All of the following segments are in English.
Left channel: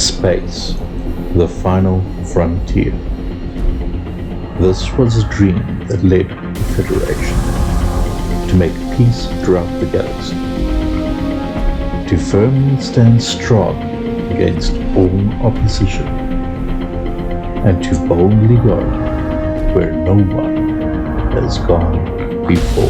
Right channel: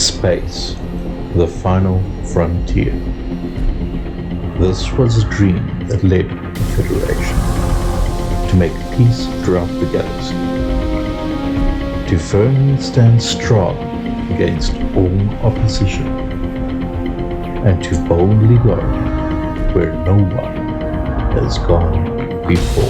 Space, the final frontier. This was a dream that led the Federation to make peace throughout the galaxy, to firmly stand strong against all opposition, and to boldly go where no one has gone before.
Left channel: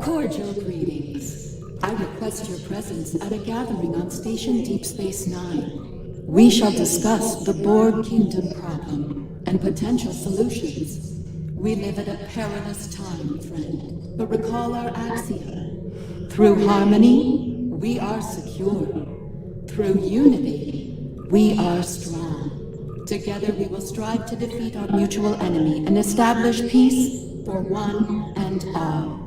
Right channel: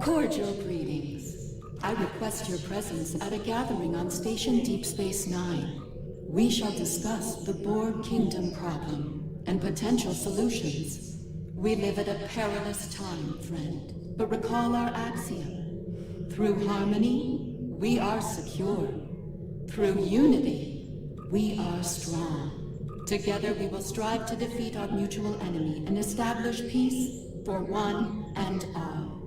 Cordial greetings. I request your presence at a gathering on Station Deep Space Nine. We shall discuss the Borg Kingdom problem and potential solutions. We live at a perilous time, friend, but recall our axiom. Through harmony, we are secure. Through unity, we are strong. Together we will strive to defeat our mutual enemy and establish peace for one and all.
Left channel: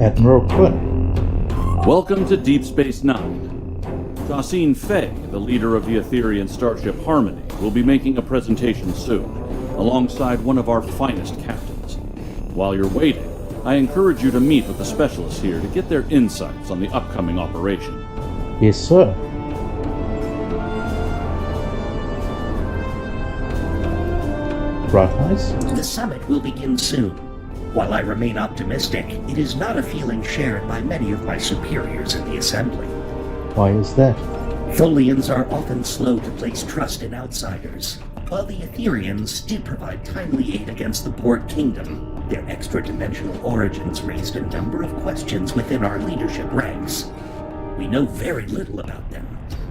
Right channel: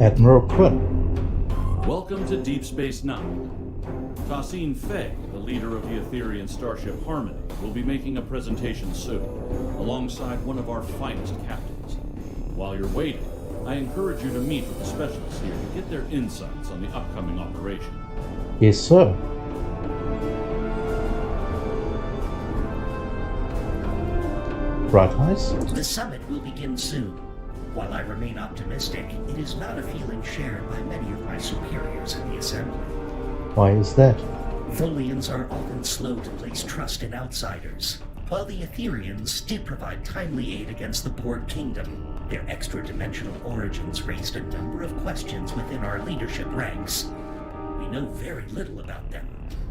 Admiral Quinn. Welcome to Deep Space Nine. Tassine Fay, the leader of the Etherean starship Harmony, will be making a presentation soon, alongside one of our finest captains. While you're waiting, I encourage you to meet with the specialists here to get their insights on the upcoming operation. Yes, sir. Bright eyes? The summit will begin soon. While I remain optimistic, it is not a feeling shared by many of my superiors in the Assembly. Why is that? Tholians are often slow to place trust in outsiders, while the Etherians did provide timely aid against the Borg Kingdom. Their extra-dimensional origins raised a number of questions within our leadership ranks. We know very little about them.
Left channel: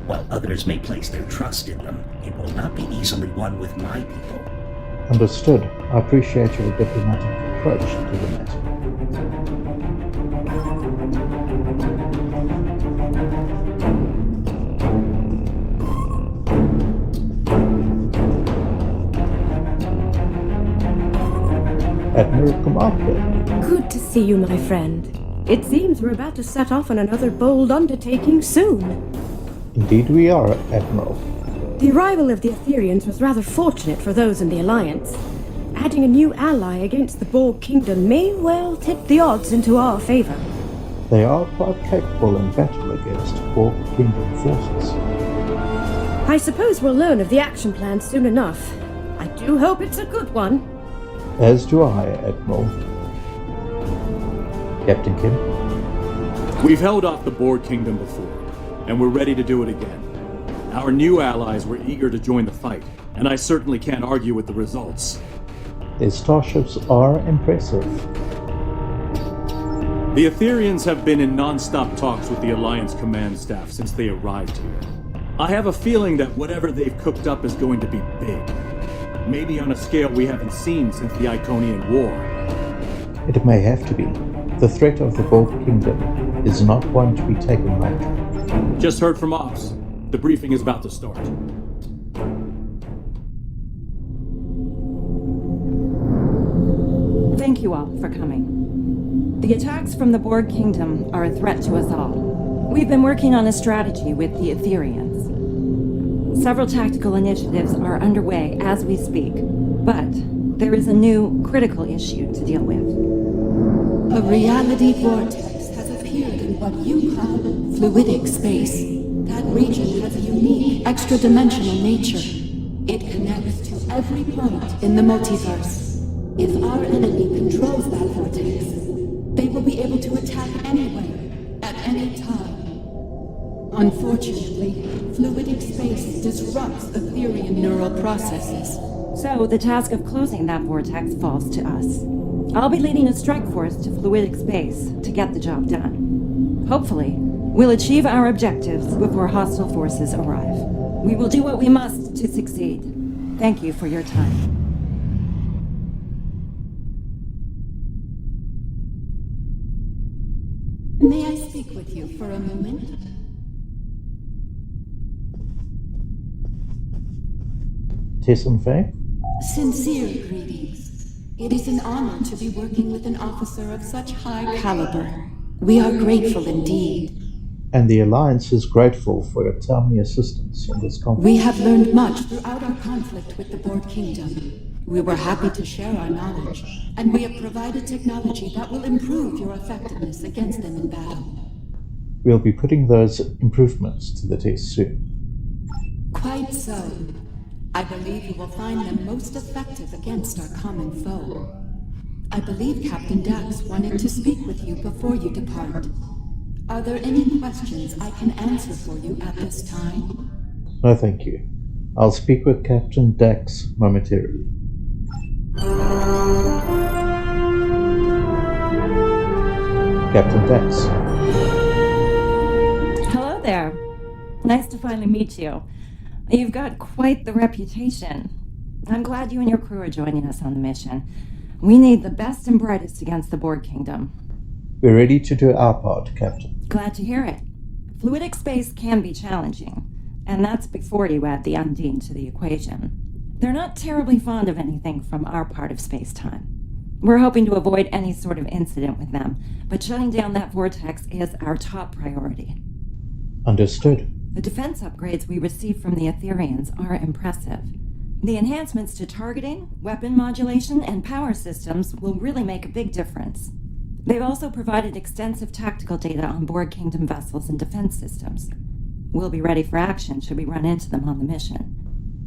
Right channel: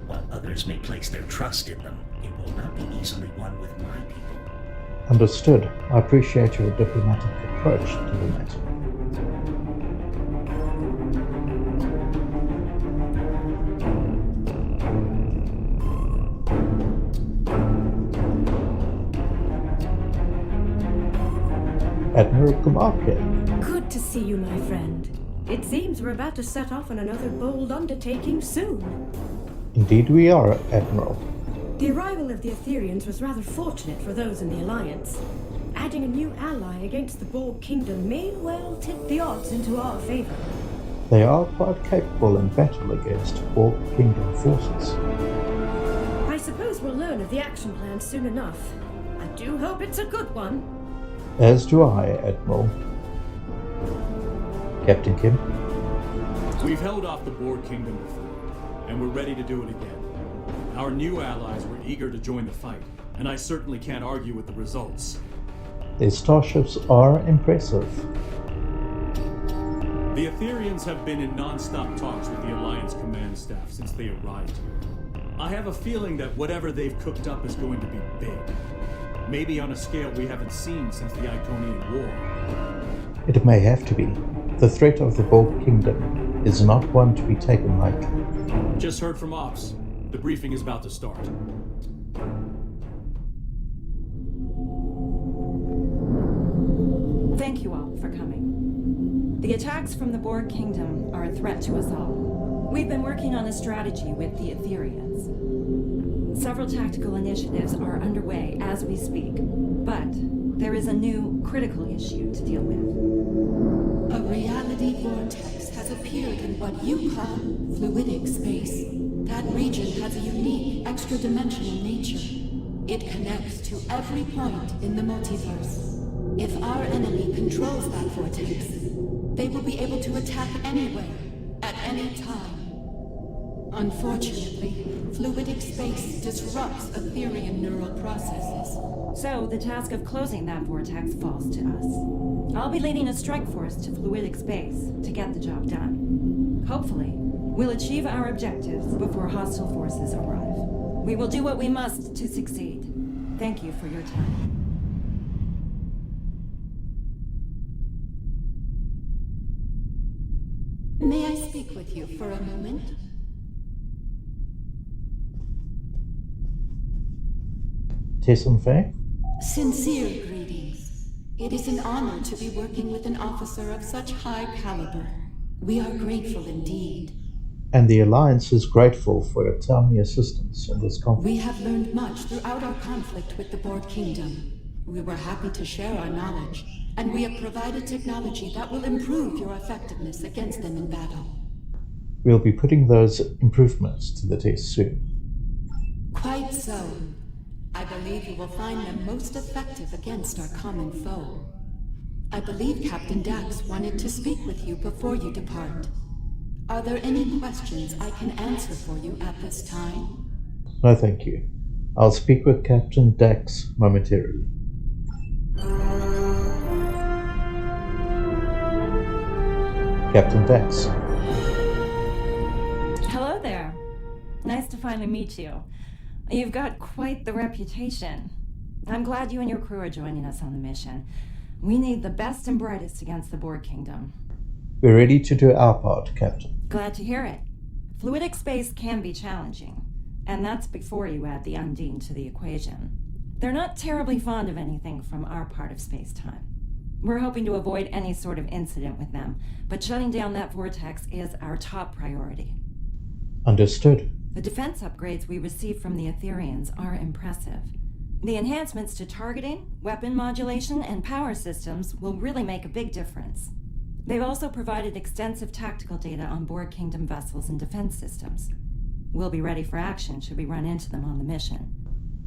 While others may place their trust in them, it will not be easily won with my people. Understood. I appreciate your diplomatic approach to the matter. Admiral Kamarke. Good to see you, my friend. It seems we're about to set off on another bold undertaking soon. Indeed we are, Admiral. The arrival of the Etherians was rather fortunate for those in the Alliance. Adding a new ally against the Borg Kingdom may well tip the odds into our favor. They are quite capable in battle against Borg Kingdom forces. I suppose we'll learn of the action plan soon enough. I do hope it's a good one. As do I, Admiral. Captain Kim? We've held off the Borg Kingdom before, and we're ready to do it again. Our new allies were eager to join the fight, and I certainly can't argue with the results. Their starships are impressive. The Etherians have been in non-stop talks with the Alliance command staff since they arrived here. I have a feeling that whatever they've cooked up is going to be big. Maybe on a scale we haven't seen since the Iconian War. It may have to be. The threat of the Borg Kingdom is not one to be taken lightly. Just heard from Ops. The briefing is about to start. Thank you all for coming. The attacks from the Borg Kingdom are a threat to us all. We've been working on a strategy with the Etherians. Several tactical initiatives are underway as we speak, but there is a new critical issue to deal with. A reality vortex has appeared in what you call fluidic space. That region has a unique, extra-dimensional nature. It connects to every point in the multiverse. If our enemy controls that vortex, they will be able to attack anywhere, at any time. Unfortunately, fluidic space disrupts Etherian neural processes. So the task of closing that vortex falls to us. I'll be leading a strike force to fluidic space to get the job done. Hopefully, we'll achieve our objectives before hostile forces arrive. We will do what we must to succeed. Thank you for your time. May I speak with you for a moment? Taysom Faye? Sincere greetings. It is an honor to be working with an officer of such high caliber. We are grateful indeed. And the Alliance is grateful for your timely assistance in this conflict. We have learned much throughout our conflict with the Borg Kingdom. We were happy to share our knowledge, and we have provided technology that will improve your effectiveness against them in battle. We'll be putting those improvements to the test soon. Quite so. I believe you will find them most effective against our common foe. I believe Captain Dax wanted to speak with you before you depart. Are there any questions I can answer for you at this time? No, thank you. I'll speak with Captain Dax momentarily. Captain Dax. Hello there. Nice to finally meet you. You've got quite the reputation. I'm glad you and your crew are joining us on the mission. We need the best and brightest against the Borg Kingdom. We're ready to do our part, Captain. Glad to hear it. Fluidic space can be challenging, and that's before you add the Undine to the equation. They're not terribly fond of anything from our part of space-time. We're hoping to avoid any sort of incident with them, but shutting down that vortex is our top priority. Understood. The defense upgrades we receive from the Etherians are impressive. The enhancements to targeting, weapon modulation, and power systems will really make a big difference. They've also provided extensive tactical data on Borg Kingdom vessels and defense systems. We'll be ready for action should we run into them on the mission.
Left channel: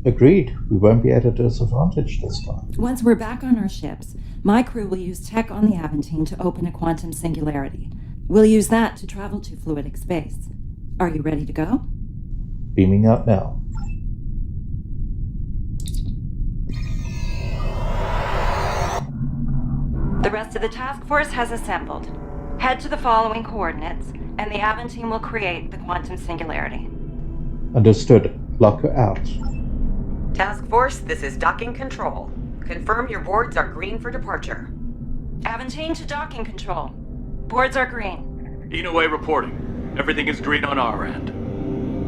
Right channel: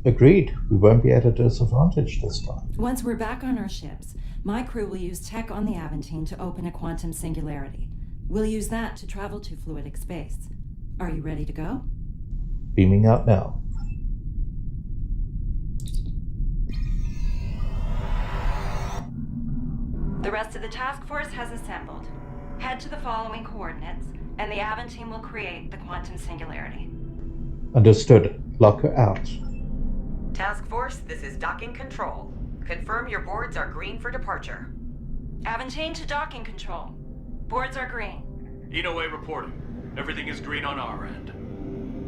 Agreed. We won't be at a disadvantage this time. Once we're back on our ships, my crew will use tech on the Aventine to open a quantum singularity. We'll use that to travel to fluidic space. Are you ready to go? Beaming out now. The rest of the task force has assembled. Head to the following coordinates, and the Aventine will create the quantum singularity. Understood. Lock her out. Task Force, this is docking control. Confirm your boards are green for departure. Aventine to docking control. Boards are green. Inouye reporting. Everything is green on our end.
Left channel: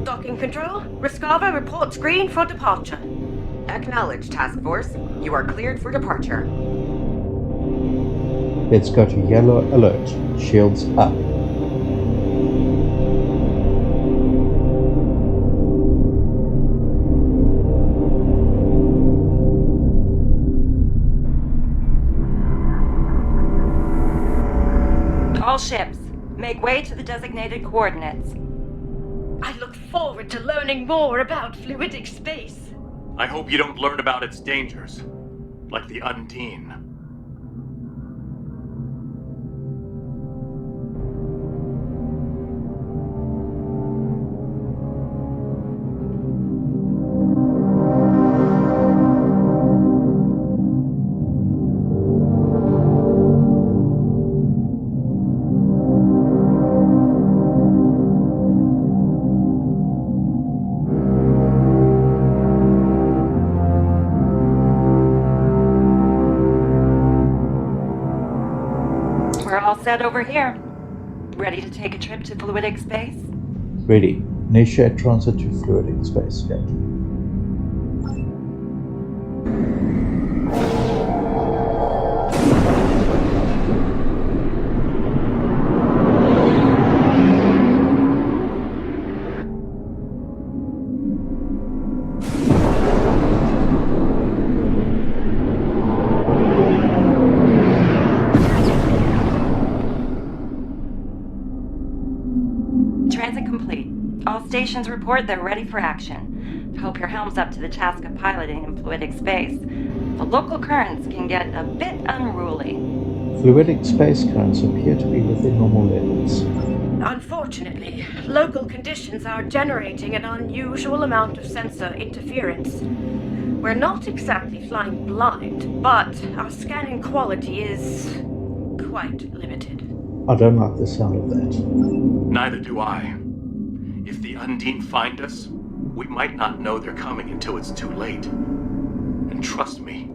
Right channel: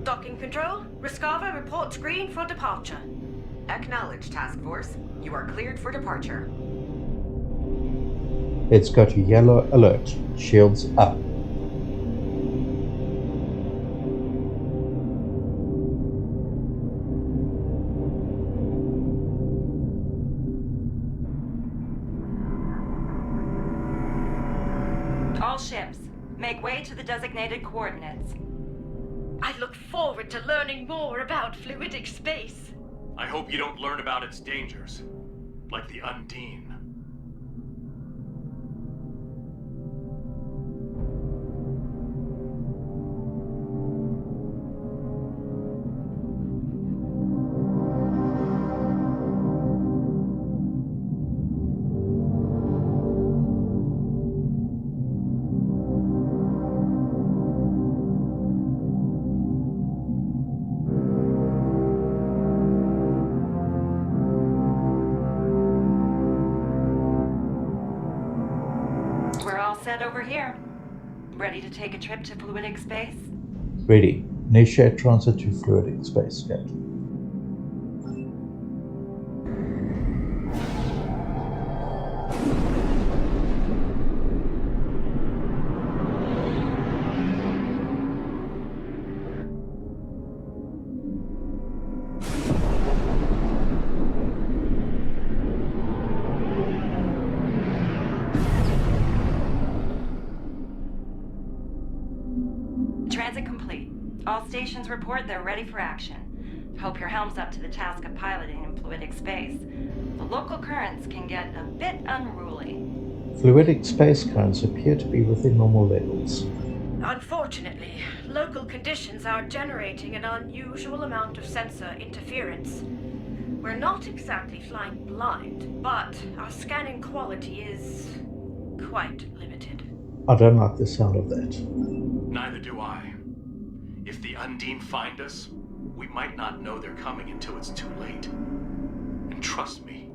Docking control, Rescava reports green for departure. Acknowledge, Task Force. You are cleared for departure. Let's go to yellow alert. Shields up. All ships, make way to the designated coordinates. I look forward to learning more about fluidic space. I hope you don't learn about its dangers, like the Undine. We're all set over here. Ready to take a trip to fluidic space? Ready. Initiate transit to fluidic space, Captain. stations report they're ready for action. Hope your helm's up to the task of piloting in fluidic space. The local currents can get a bit unruly. Fluidic space currents appear to be within normal levels. Unfortunately, local conditions are generating an unusual amount of sensor interference. We're not exactly flying blind, but our scanning quality is quite limited. I don't like the sound of that. Neither do I. If the Undine find us, we might not know they're coming until it's too late. And trust me,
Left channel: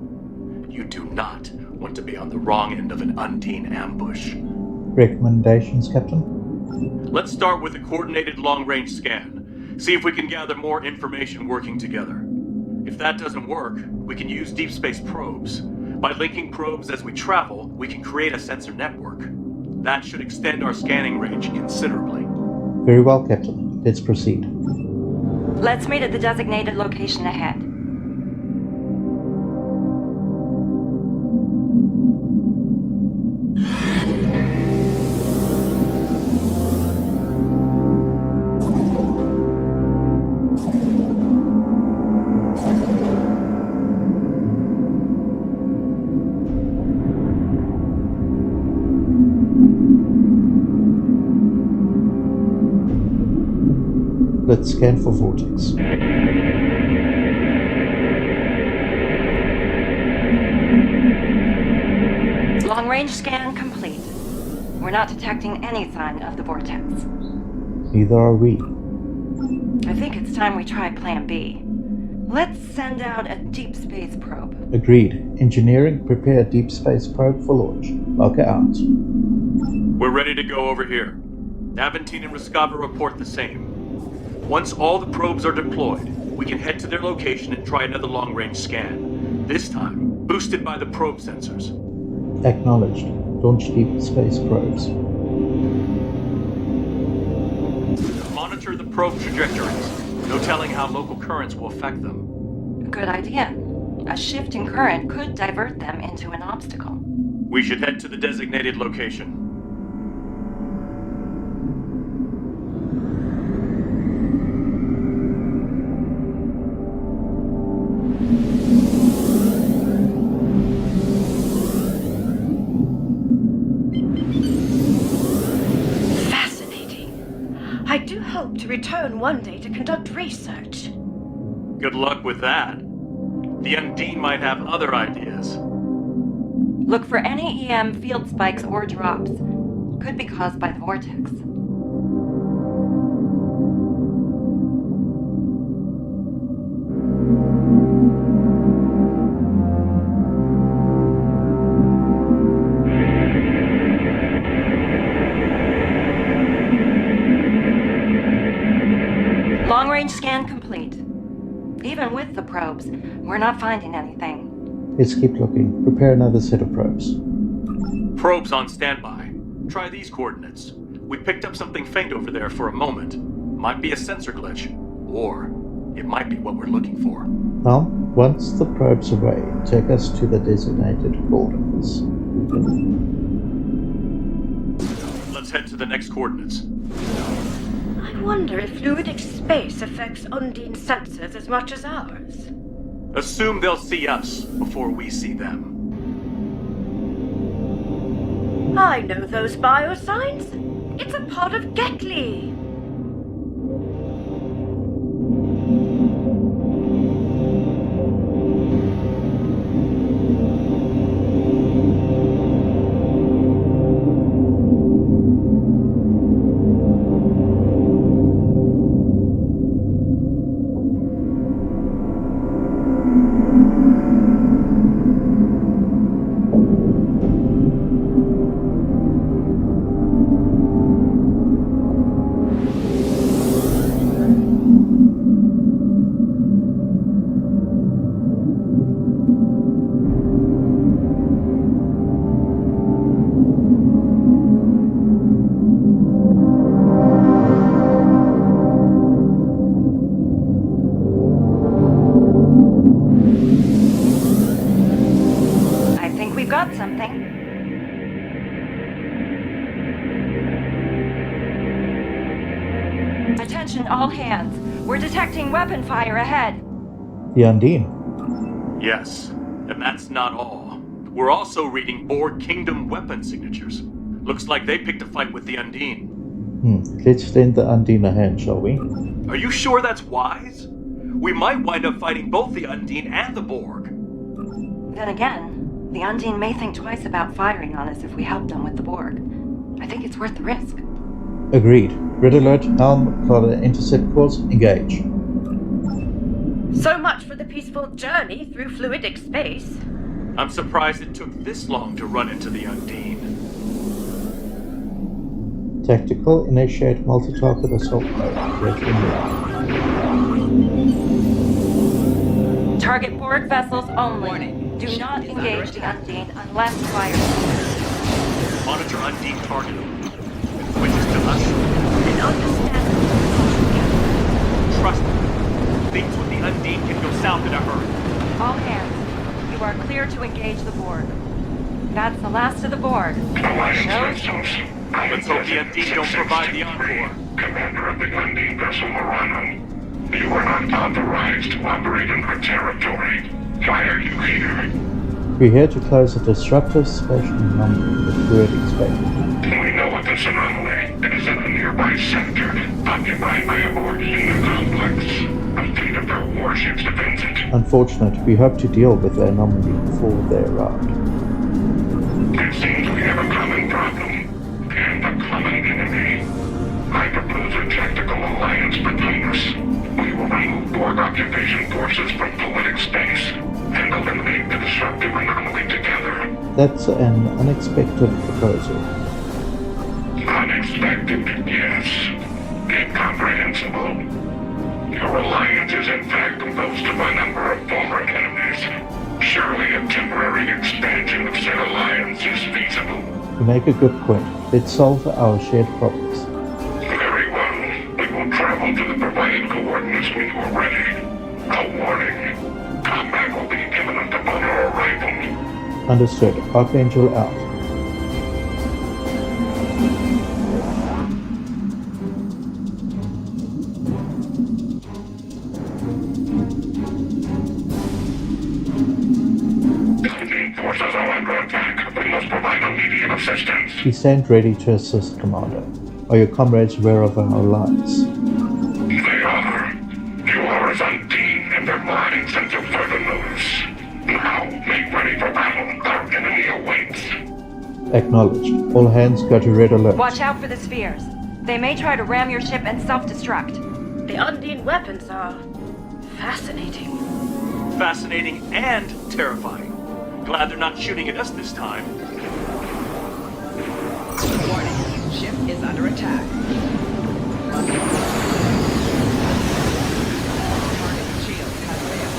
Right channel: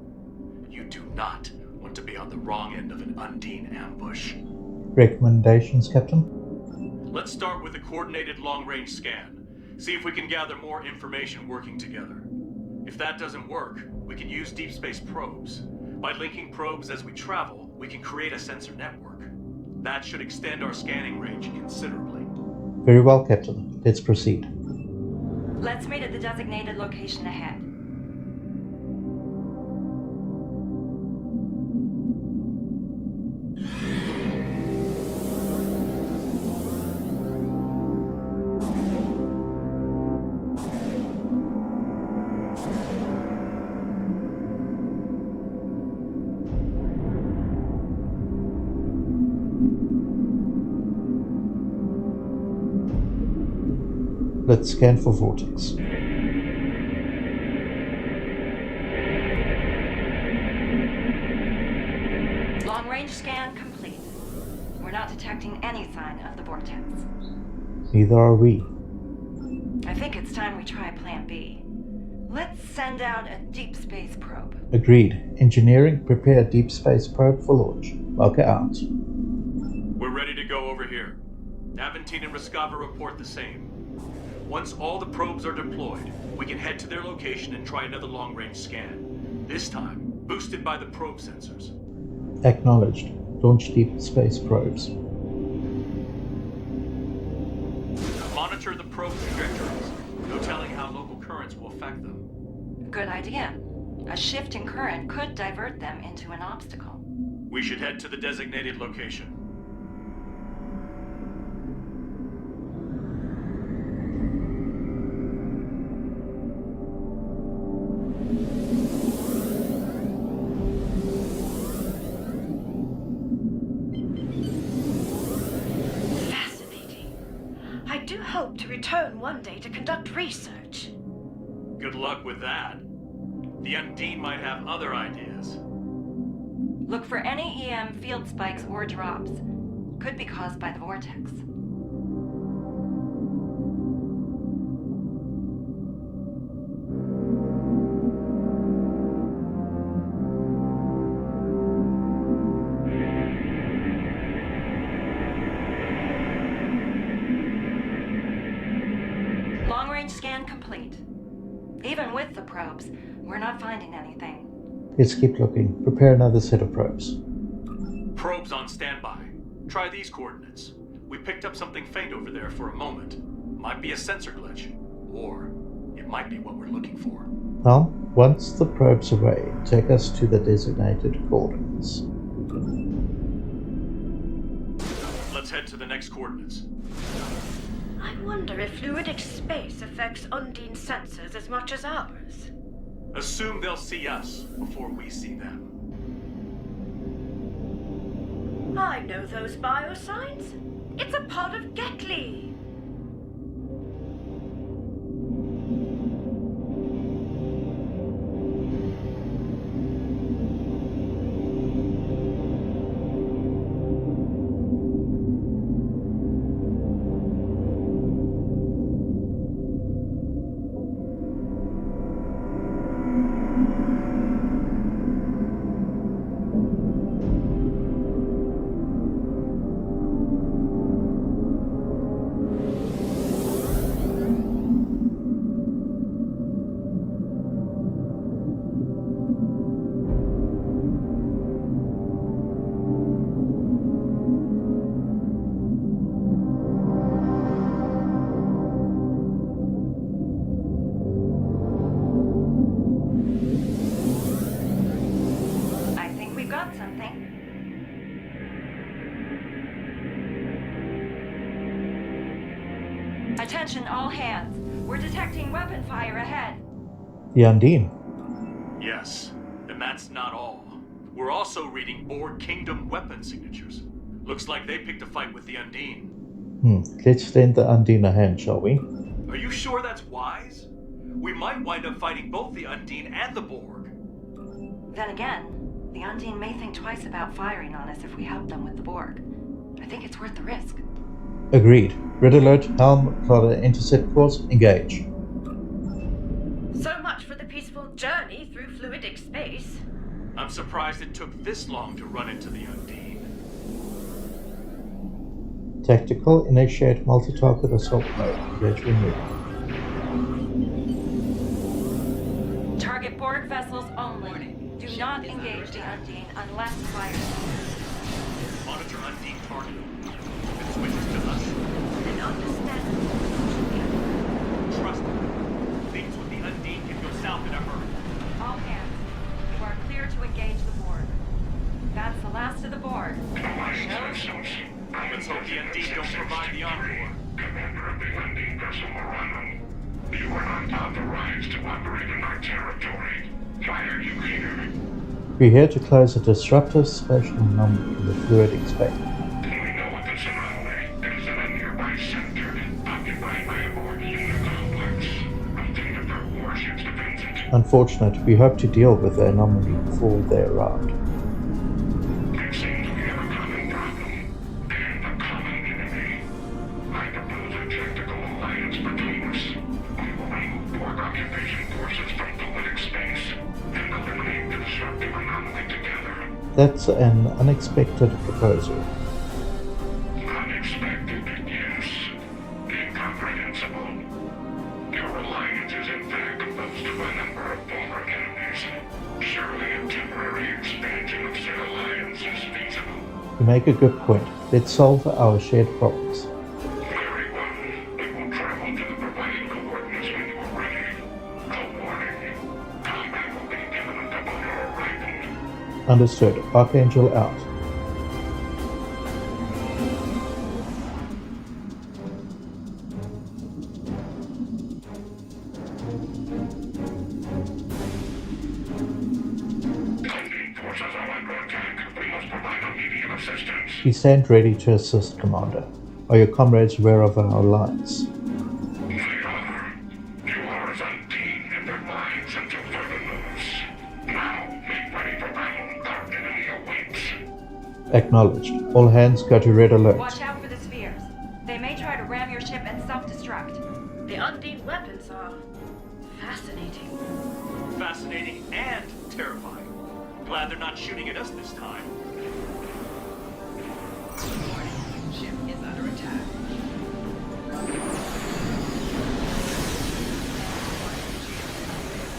you do not want to be on the wrong end of an Undine ambush. Recommendations, Captain? Let's start with a coordinated long-range scan. See if we can gather more information working together. If that doesn't work, we can use deep space probes. By linking probes as we travel, we can create a sensor network. That should extend our scanning range considerably. Very well, Captain. Let's proceed. Let's meet at the designated location ahead. Let's scan for vortex. Long-range scan complete. We're not detecting any sign of the vortex. Neither are we. I think it's time we try Plan B. Let's send out a deep space probe. Agreed. Engineering, prepare a deep space probe for launch. Lock it out. We're ready to go over here. Aventine and Rescava report the same. Once all the probes are deployed, we can head to their location and try another long-range scan. This time, boosted by the probe sensors. Acknowledged. Launch deep space probes. Monitor the probe trajectories. No telling how local currents will affect them. Good idea. A shift in current could divert them into an obstacle. We should head to the designated location. I do hope to return one day to conduct research. Good luck with that. The Undine might have other ideas. Look for any EM field spikes or drops. Could be caused by the vortex. Long-range scan complete. Even with the probes, we're not finding anything. Let's keep looking. Prepare another set of probes. Probes on standby. Try these coordinates. We picked up something faint over there for a moment. Might be a sensor glitch, or it might be what we're looking for. Now, once the probe's away, take us to the designated coordinates. Let's head to the next coordinates. I wonder if fluidic space affects Undine sensors as much as ours. Assume they'll see us before we see them. I know those biosigns. It's a pod of Getli. Attention all hands. We're detecting weapon fire ahead. The Undine. Yes, and that's not all. We're also reading Borg Kingdom weapon signatures. Looks like they picked a fight with the Undine. Let's lend the Undine a hand, shall we? Are you sure that's wise? We might wind up fighting both the Undine and the Borg. Then again, the Undine may think twice about firing on us if we help them with the Borg. I think it's worth the risk. Agreed. Red alert, helm, color, intercept course, engage. So much for the peaceful journey through fluidic space. I'm surprised it took this long to run into the Undine. Tactical, initiate multi-target assault mode. Ready and move. Target Borg vessels only. Do not engage the Undine unless fired. Monitor Undine target. It switches to us. An understandable precaution, Captain. Trust me. Things with the Undine can go south in a hurry. All hands, you are clear to engage the Borg. That's the last of the Borg. Let's hope the Undine don't provide the encore. Commander of the Undine vessel Morano. You are not authorized to operate in our territory. Why are you here? We're here to close a disruptive spatial anomaly in the fluidic space. We know of this anomaly. It is in a nearby sector, occupied by a Borg unit complex. A fleet of their warships defends it. Unfortunate, we hope to deal with the anomaly before they arrive. It seems we have a common problem, and a common enemy. I propose a tactical alliance between us. We will remove Borg occupation forces from fluidic space, and eliminate the disruptive anomaly together. That's an unexpected proposal. Unexpected, yes. Incomprehensible. Your alliance is in fact composed of a number of former enemies. Surely a temporary expansion of said alliance is feasible. You make a good point. Let's solve our shared problems. Very well. We will travel to the provided coordinates when you are ready. A warning. Combat will be imminent upon our arrival. Understood. Archangel out. Undine forces are under attack. We must provide immediate assistance. We stand ready to assist, Commander. Are your comrades aware of our alliance? They are. You are as Undine in their minds until further notice. Now, make ready for battle. Our enemy awaits. Acknowledged. All hands go to red alert. Watch out for the spheres. They may try to ram your ship and self-destruct. The Undine weapons are fascinating. Fascinating and terrifying. Glad they're not shooting at us this time. Warning, ship is under attack. Target shield has failed.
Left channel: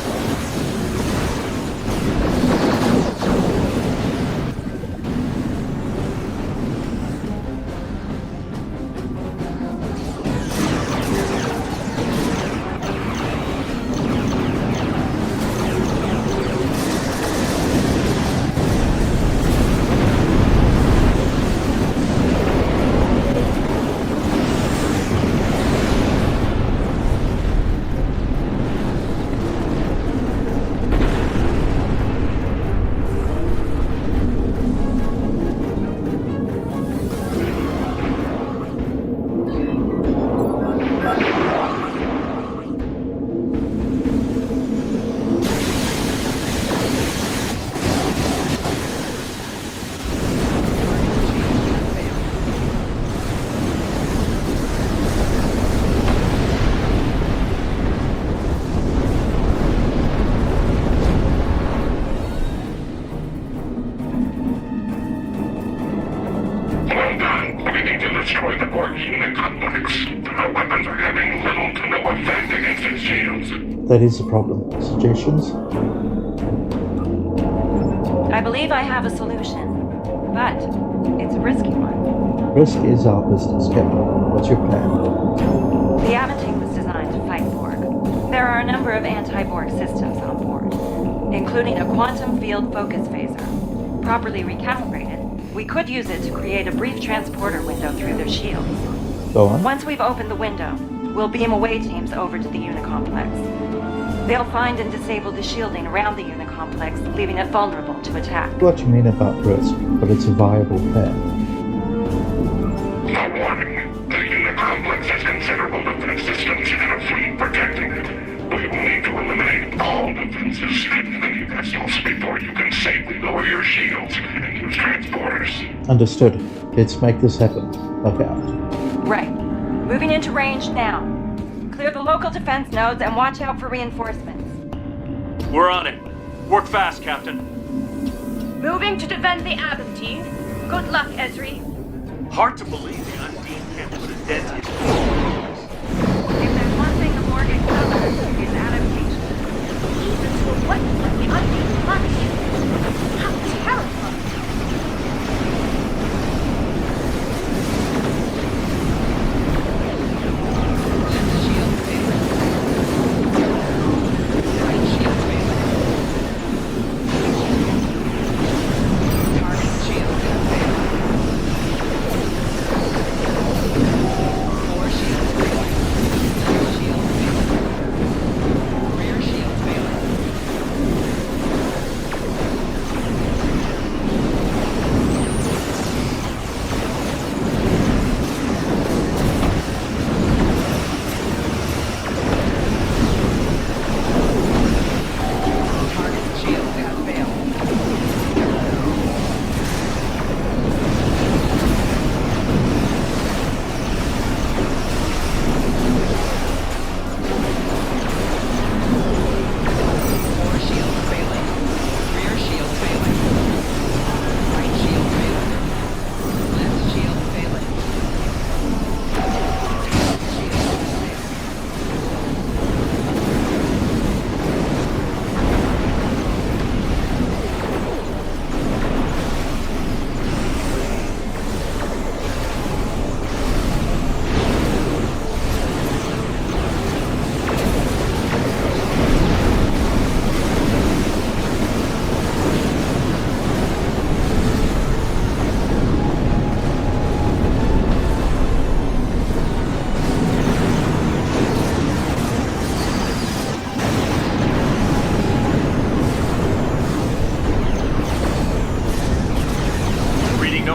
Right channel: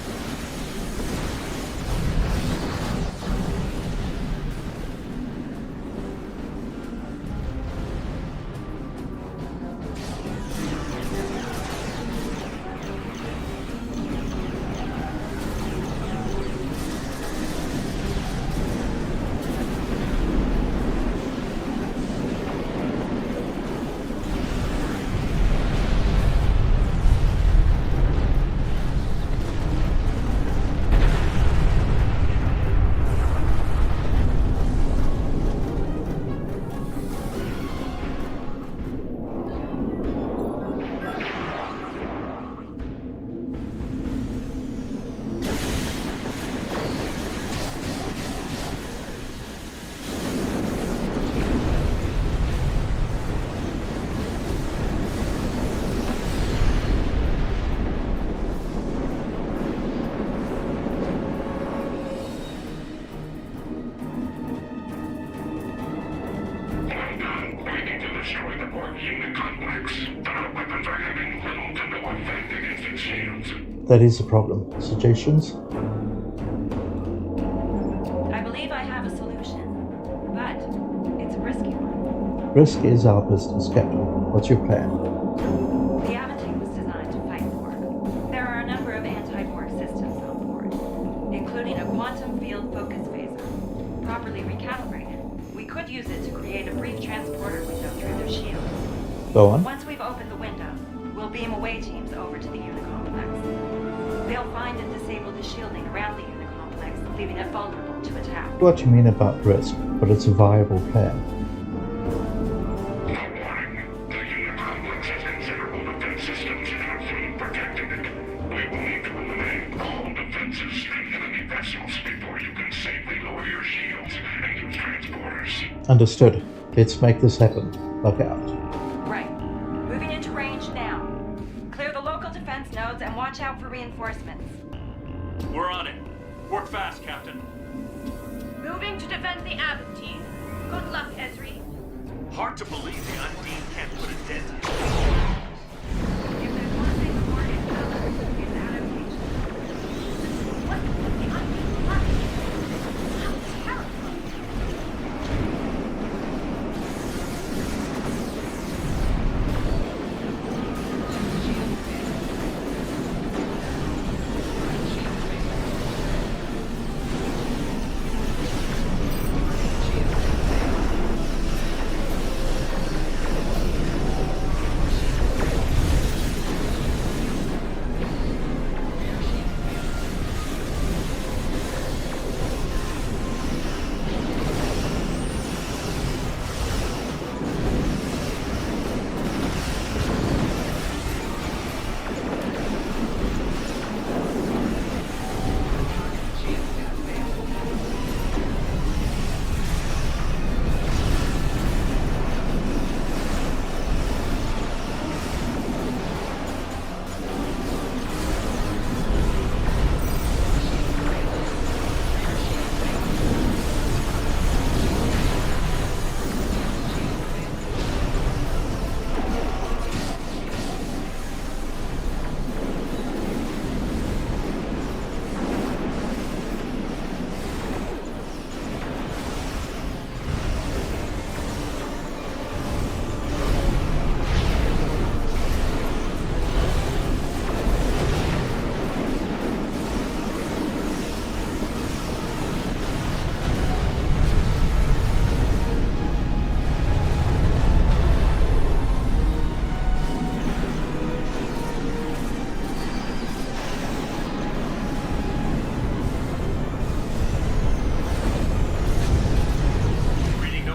Well done. We need to destroy the Borg unit complex, but our weapons are having little to no effect against its shields. That is the problem. Suggestions? I believe I have a solution, but it's a risky one. Risk is our business, Captain. What's your plan? The Aventine was designed to fight Borg. There are a number of anti-Borg systems on board, including a quantum field focus phaser. Properly recalibrated, we could use it to create a brief transporter window through their shields. Go on. Once we've opened the window, we'll beam away teams over to the Unicomplex. They'll find and disable the shielding around the Unicomplex, leaving it vulnerable to attack. What you mean about risk, but it's a viable plan. A warning. The Unicomplex has considerable defense systems and a fleet protecting it. We will need to eliminate all defenses and enemy vessels before you can safely lower your shields and use transporters. Understood. Let's make this happen. Look out. Right. Moving into range now. Clear the local defense nodes and watch out for reinforcements. We're on it. Work fast, Captain. Moving to defend the Adam team. Good luck, Ezri. Hard to believe the Undine can't put a dent in it. If there's one thing the Borg excel at, it's adaptation. Even to a weapon like the Undine Planet. How terrifying.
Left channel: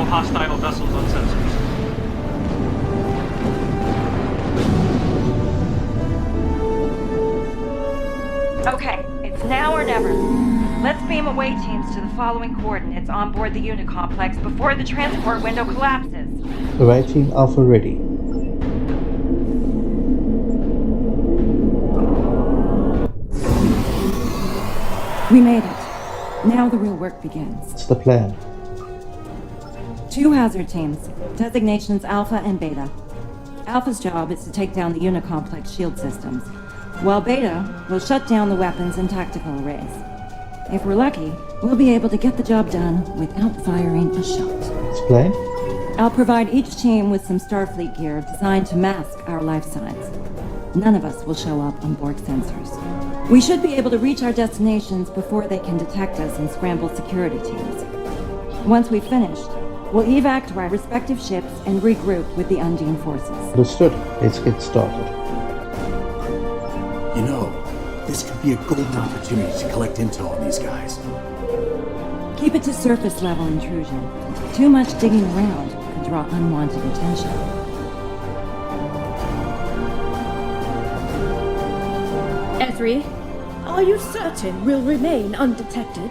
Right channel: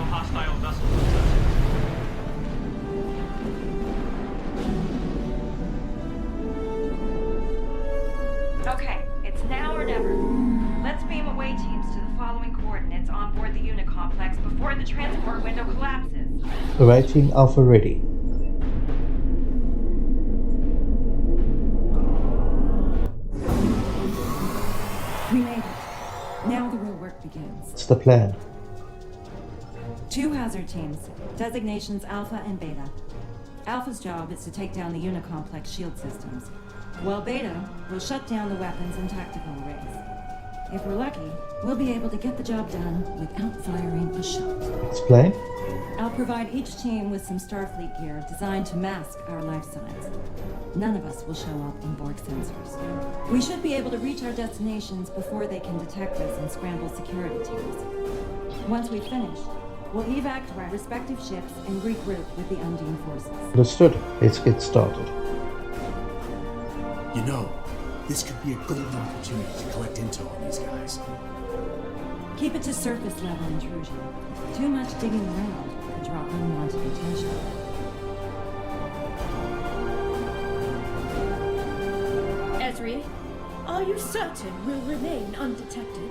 Hostile vessels on sensors. Okay, it's now or never. Let's beam away teams to the following coordinates on board the Unicomplex before the transport window collapses. Awaiting Alpha ready. We made it. Now the real work begins. What's the plan? 2 hazard teams, designations Alpha and Beta. Alpha's job is to take down the Unicomplex shield systems, while Beta will shut down the weapons and tactical arrays. If we're lucky, we'll be able to get the job done without firing a shot. Explain? I'll provide each team with some Starfleet gear designed to mask our life signs. None of us will show up on Borg sensors. We should be able to reach our destinations before they can detect us and scramble security teams. Once we've finished, we'll evac to our respective ships and regroup with the Undine forces. Understood. Let's get started. You know, this could be a golden opportunity to collect intel on these guys. Keep it to surface level intrusion. Too much digging around could draw unwanted attention. Ezri, are you certain we'll remain undetected?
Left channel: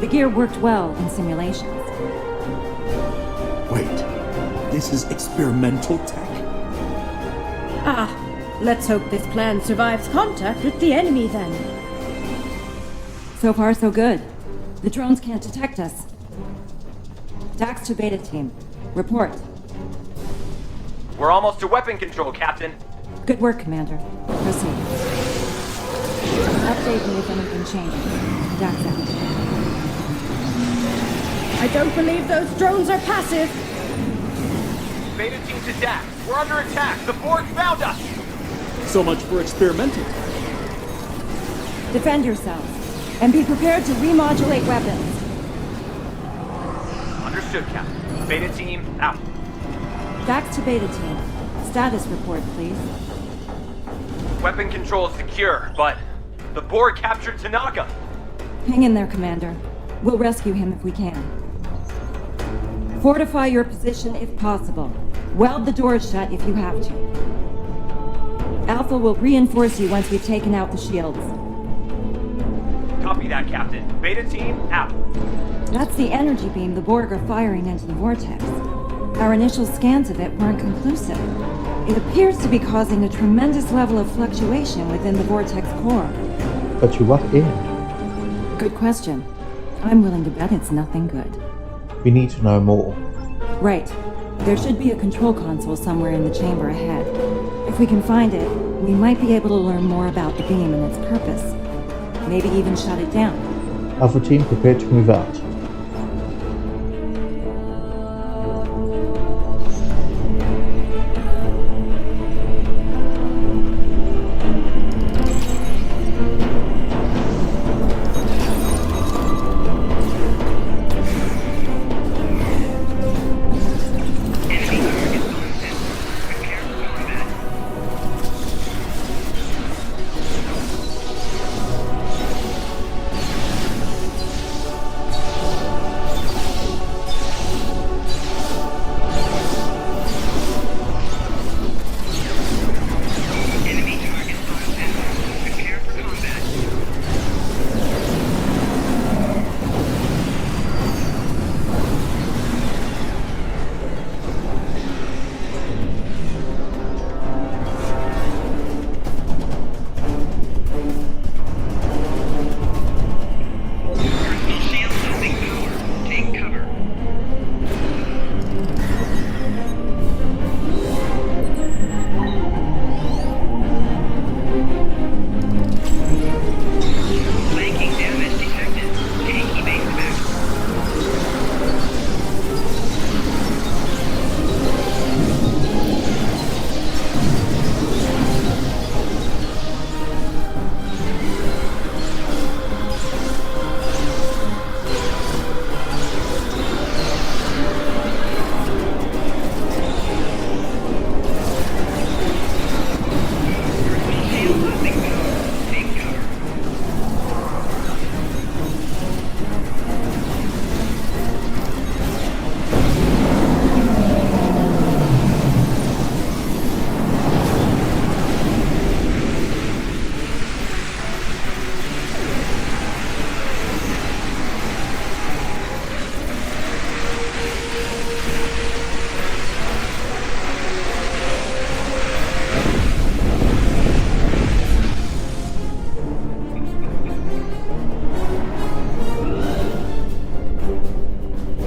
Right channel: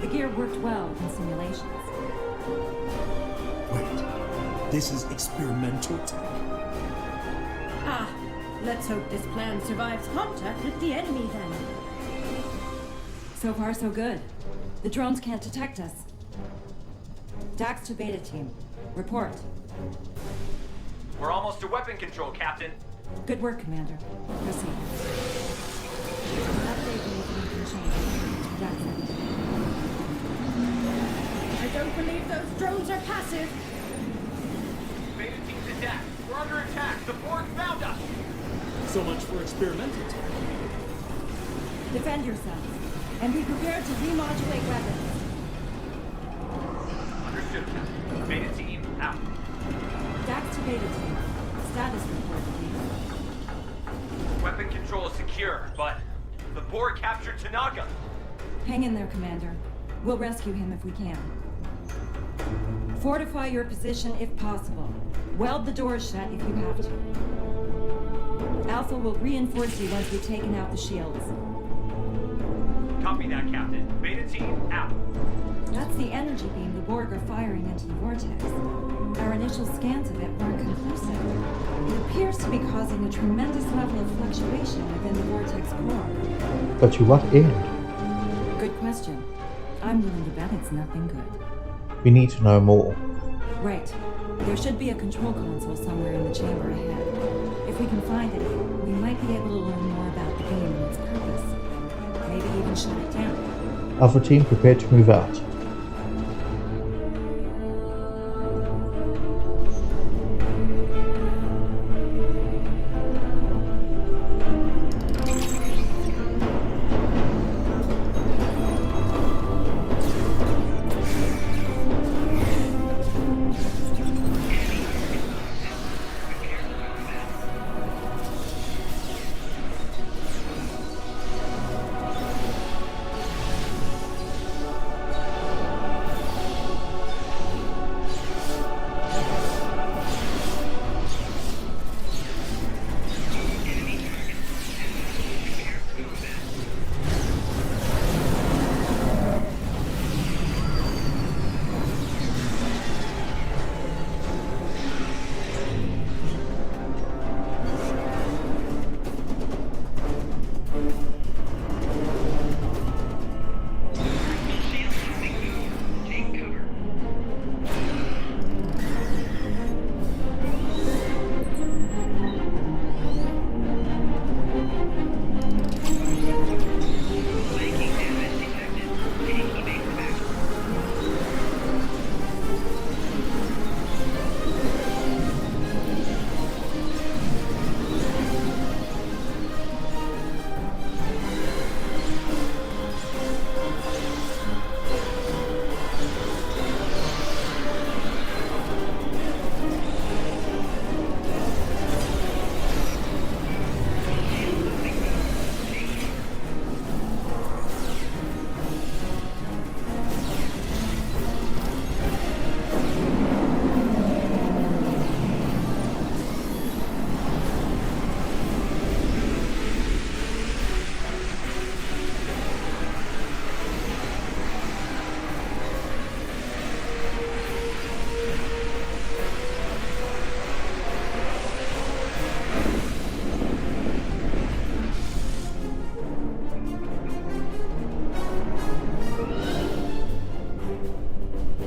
The gear worked well in simulations. Wait, this is experimental tech? Ah, let's hope this plan survives contact with the enemy then. So far, so good. The drones can't detect us. Dax to Beta team. Report. We're almost to weapon control, Captain. Good work, Commander. Proceed. Update me if anything changes. Dax out. I don't believe those drones are passive. Beta team to Dax. We're under attack. The Borg found us. So much for experimental time. Defend yourselves, and be prepared to remodulate weapons. Understood, Captain. Beta team, out. Dax to Beta team. Status report, please. Weapon control is secure, but the Borg captured Tanaka. Hang in there, Commander. We'll rescue him if we can. Fortify your position if possible. Weld the doors shut if you have to. Alpha will reinforce you once we've taken out the shields. Copy that, Captain. Beta team, out. That's the energy beam the Borg are firing into the vortex. Our initial scans of it weren't conclusive. It appears to be causing a tremendous level of fluctuation within the vortex core. But to what end? Good question. I'm willing to bet it's nothing good. We need to know more. Right. There should be a control console somewhere in the chamber ahead. If we can find it, we might be able to learn more about the beam and its purpose. Maybe even shut it down. Alpha team prepared to move out.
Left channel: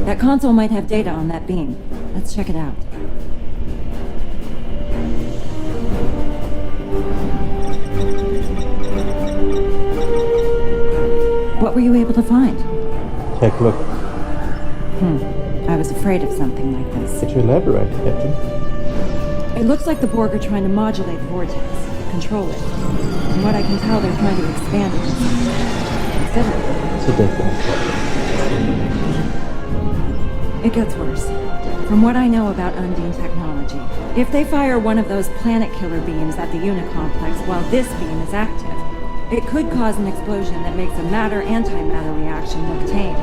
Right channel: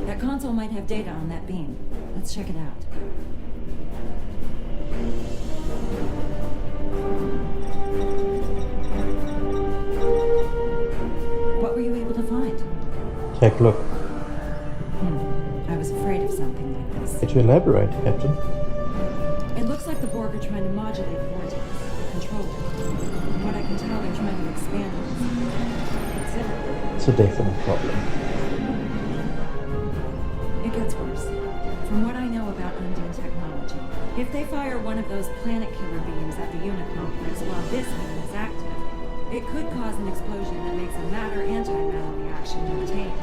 That console might have data on that beam. Let's check it out. What were you able to find? Take a look. I was afraid of something like this. To elaborate, Captain. It looks like the Borg are trying to modulate the vortex, control it. From what I can tell, they're trying to expand it considerably. It's a definite problem. It gets worse. From what I know about Undine technology, if they fire one of those planet killer beams at the Unicomplex while this beam is active, it could cause an explosion that makes a matter-antimatter reaction look tame.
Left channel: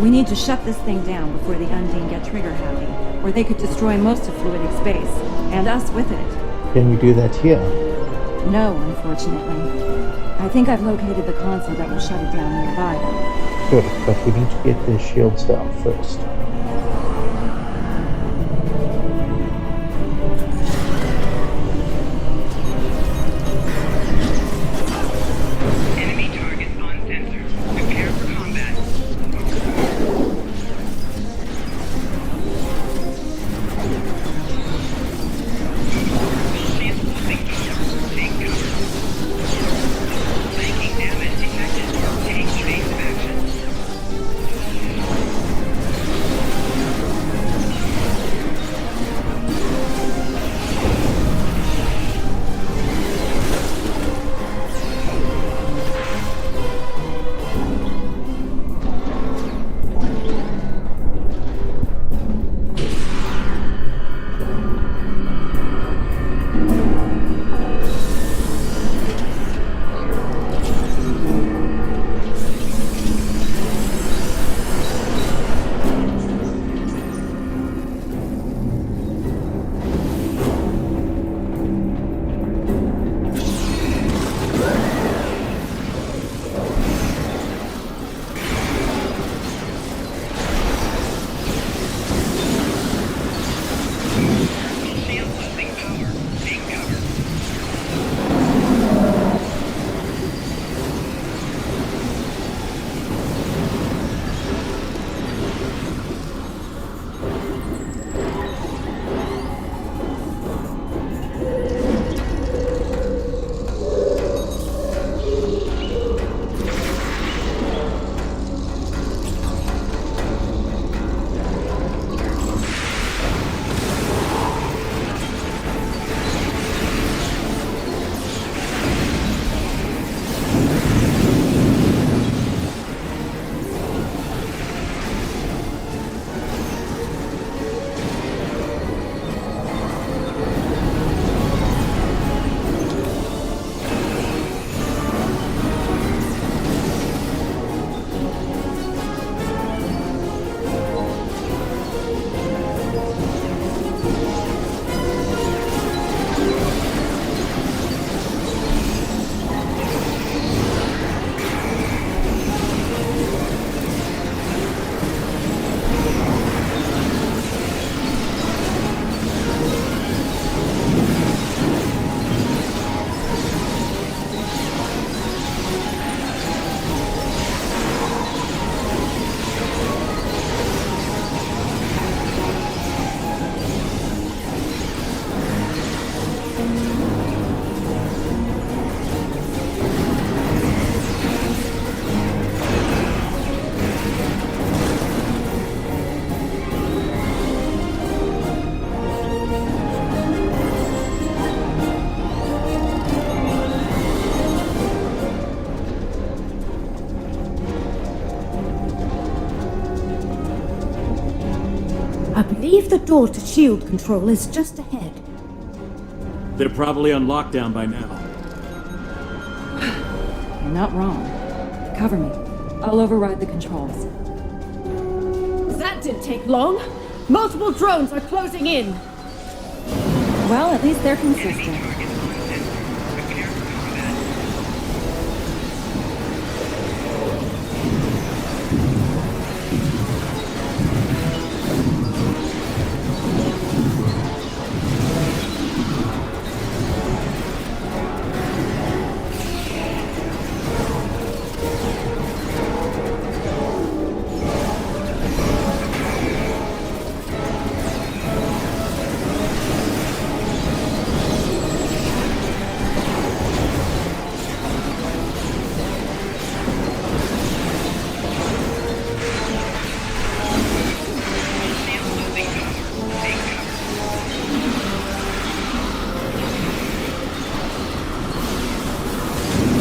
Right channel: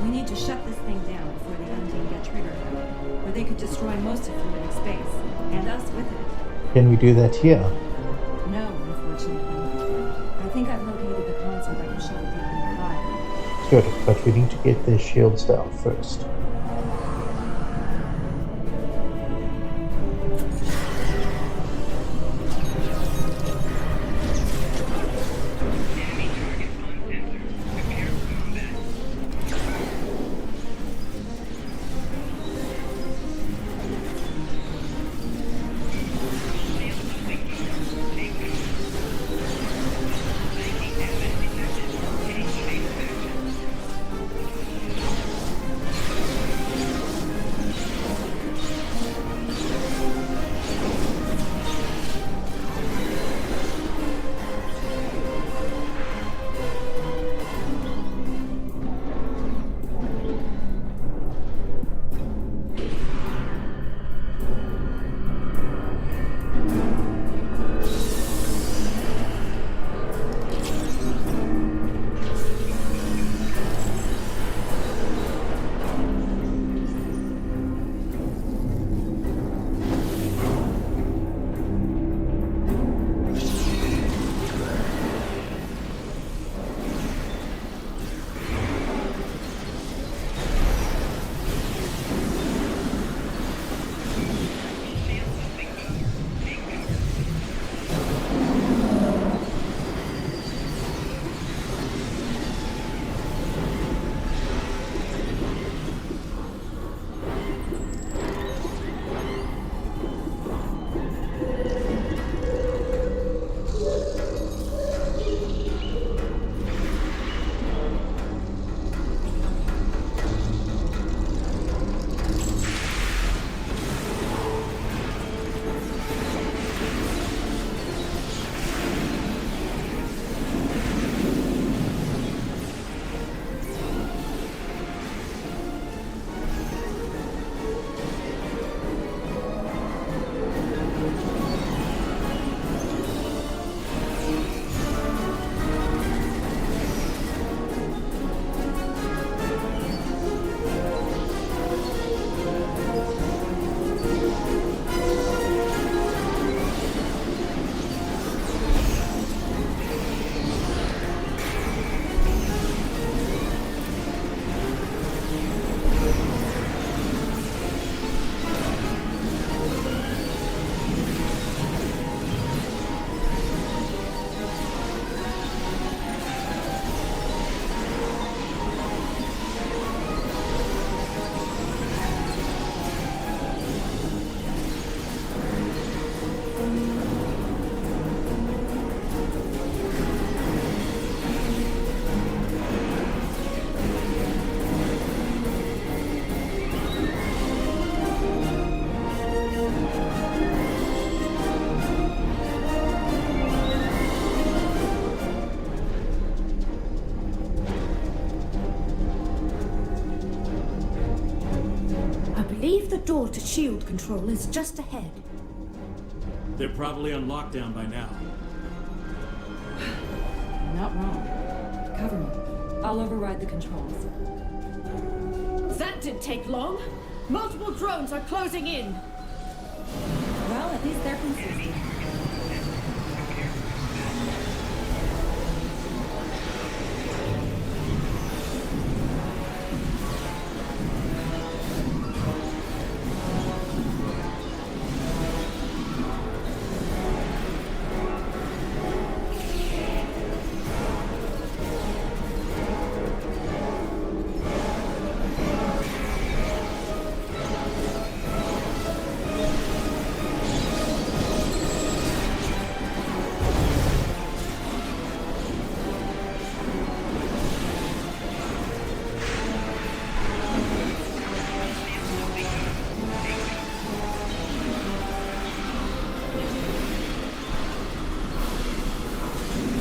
We need to shut this thing down before the Undine get trigger-happy, or they could destroy most of fluidic space, and us with it. Can we do that here? No, unfortunately. I think I've located the console that will shut it down nearby, though. Good, but we need to get their shields down first. I believe the door to shield control is just ahead. They're probably on lockdown by now. You're not wrong. Cover me. I'll override the controls. That didn't take long. Multiple drones are closing in. Well, at least they're consistent.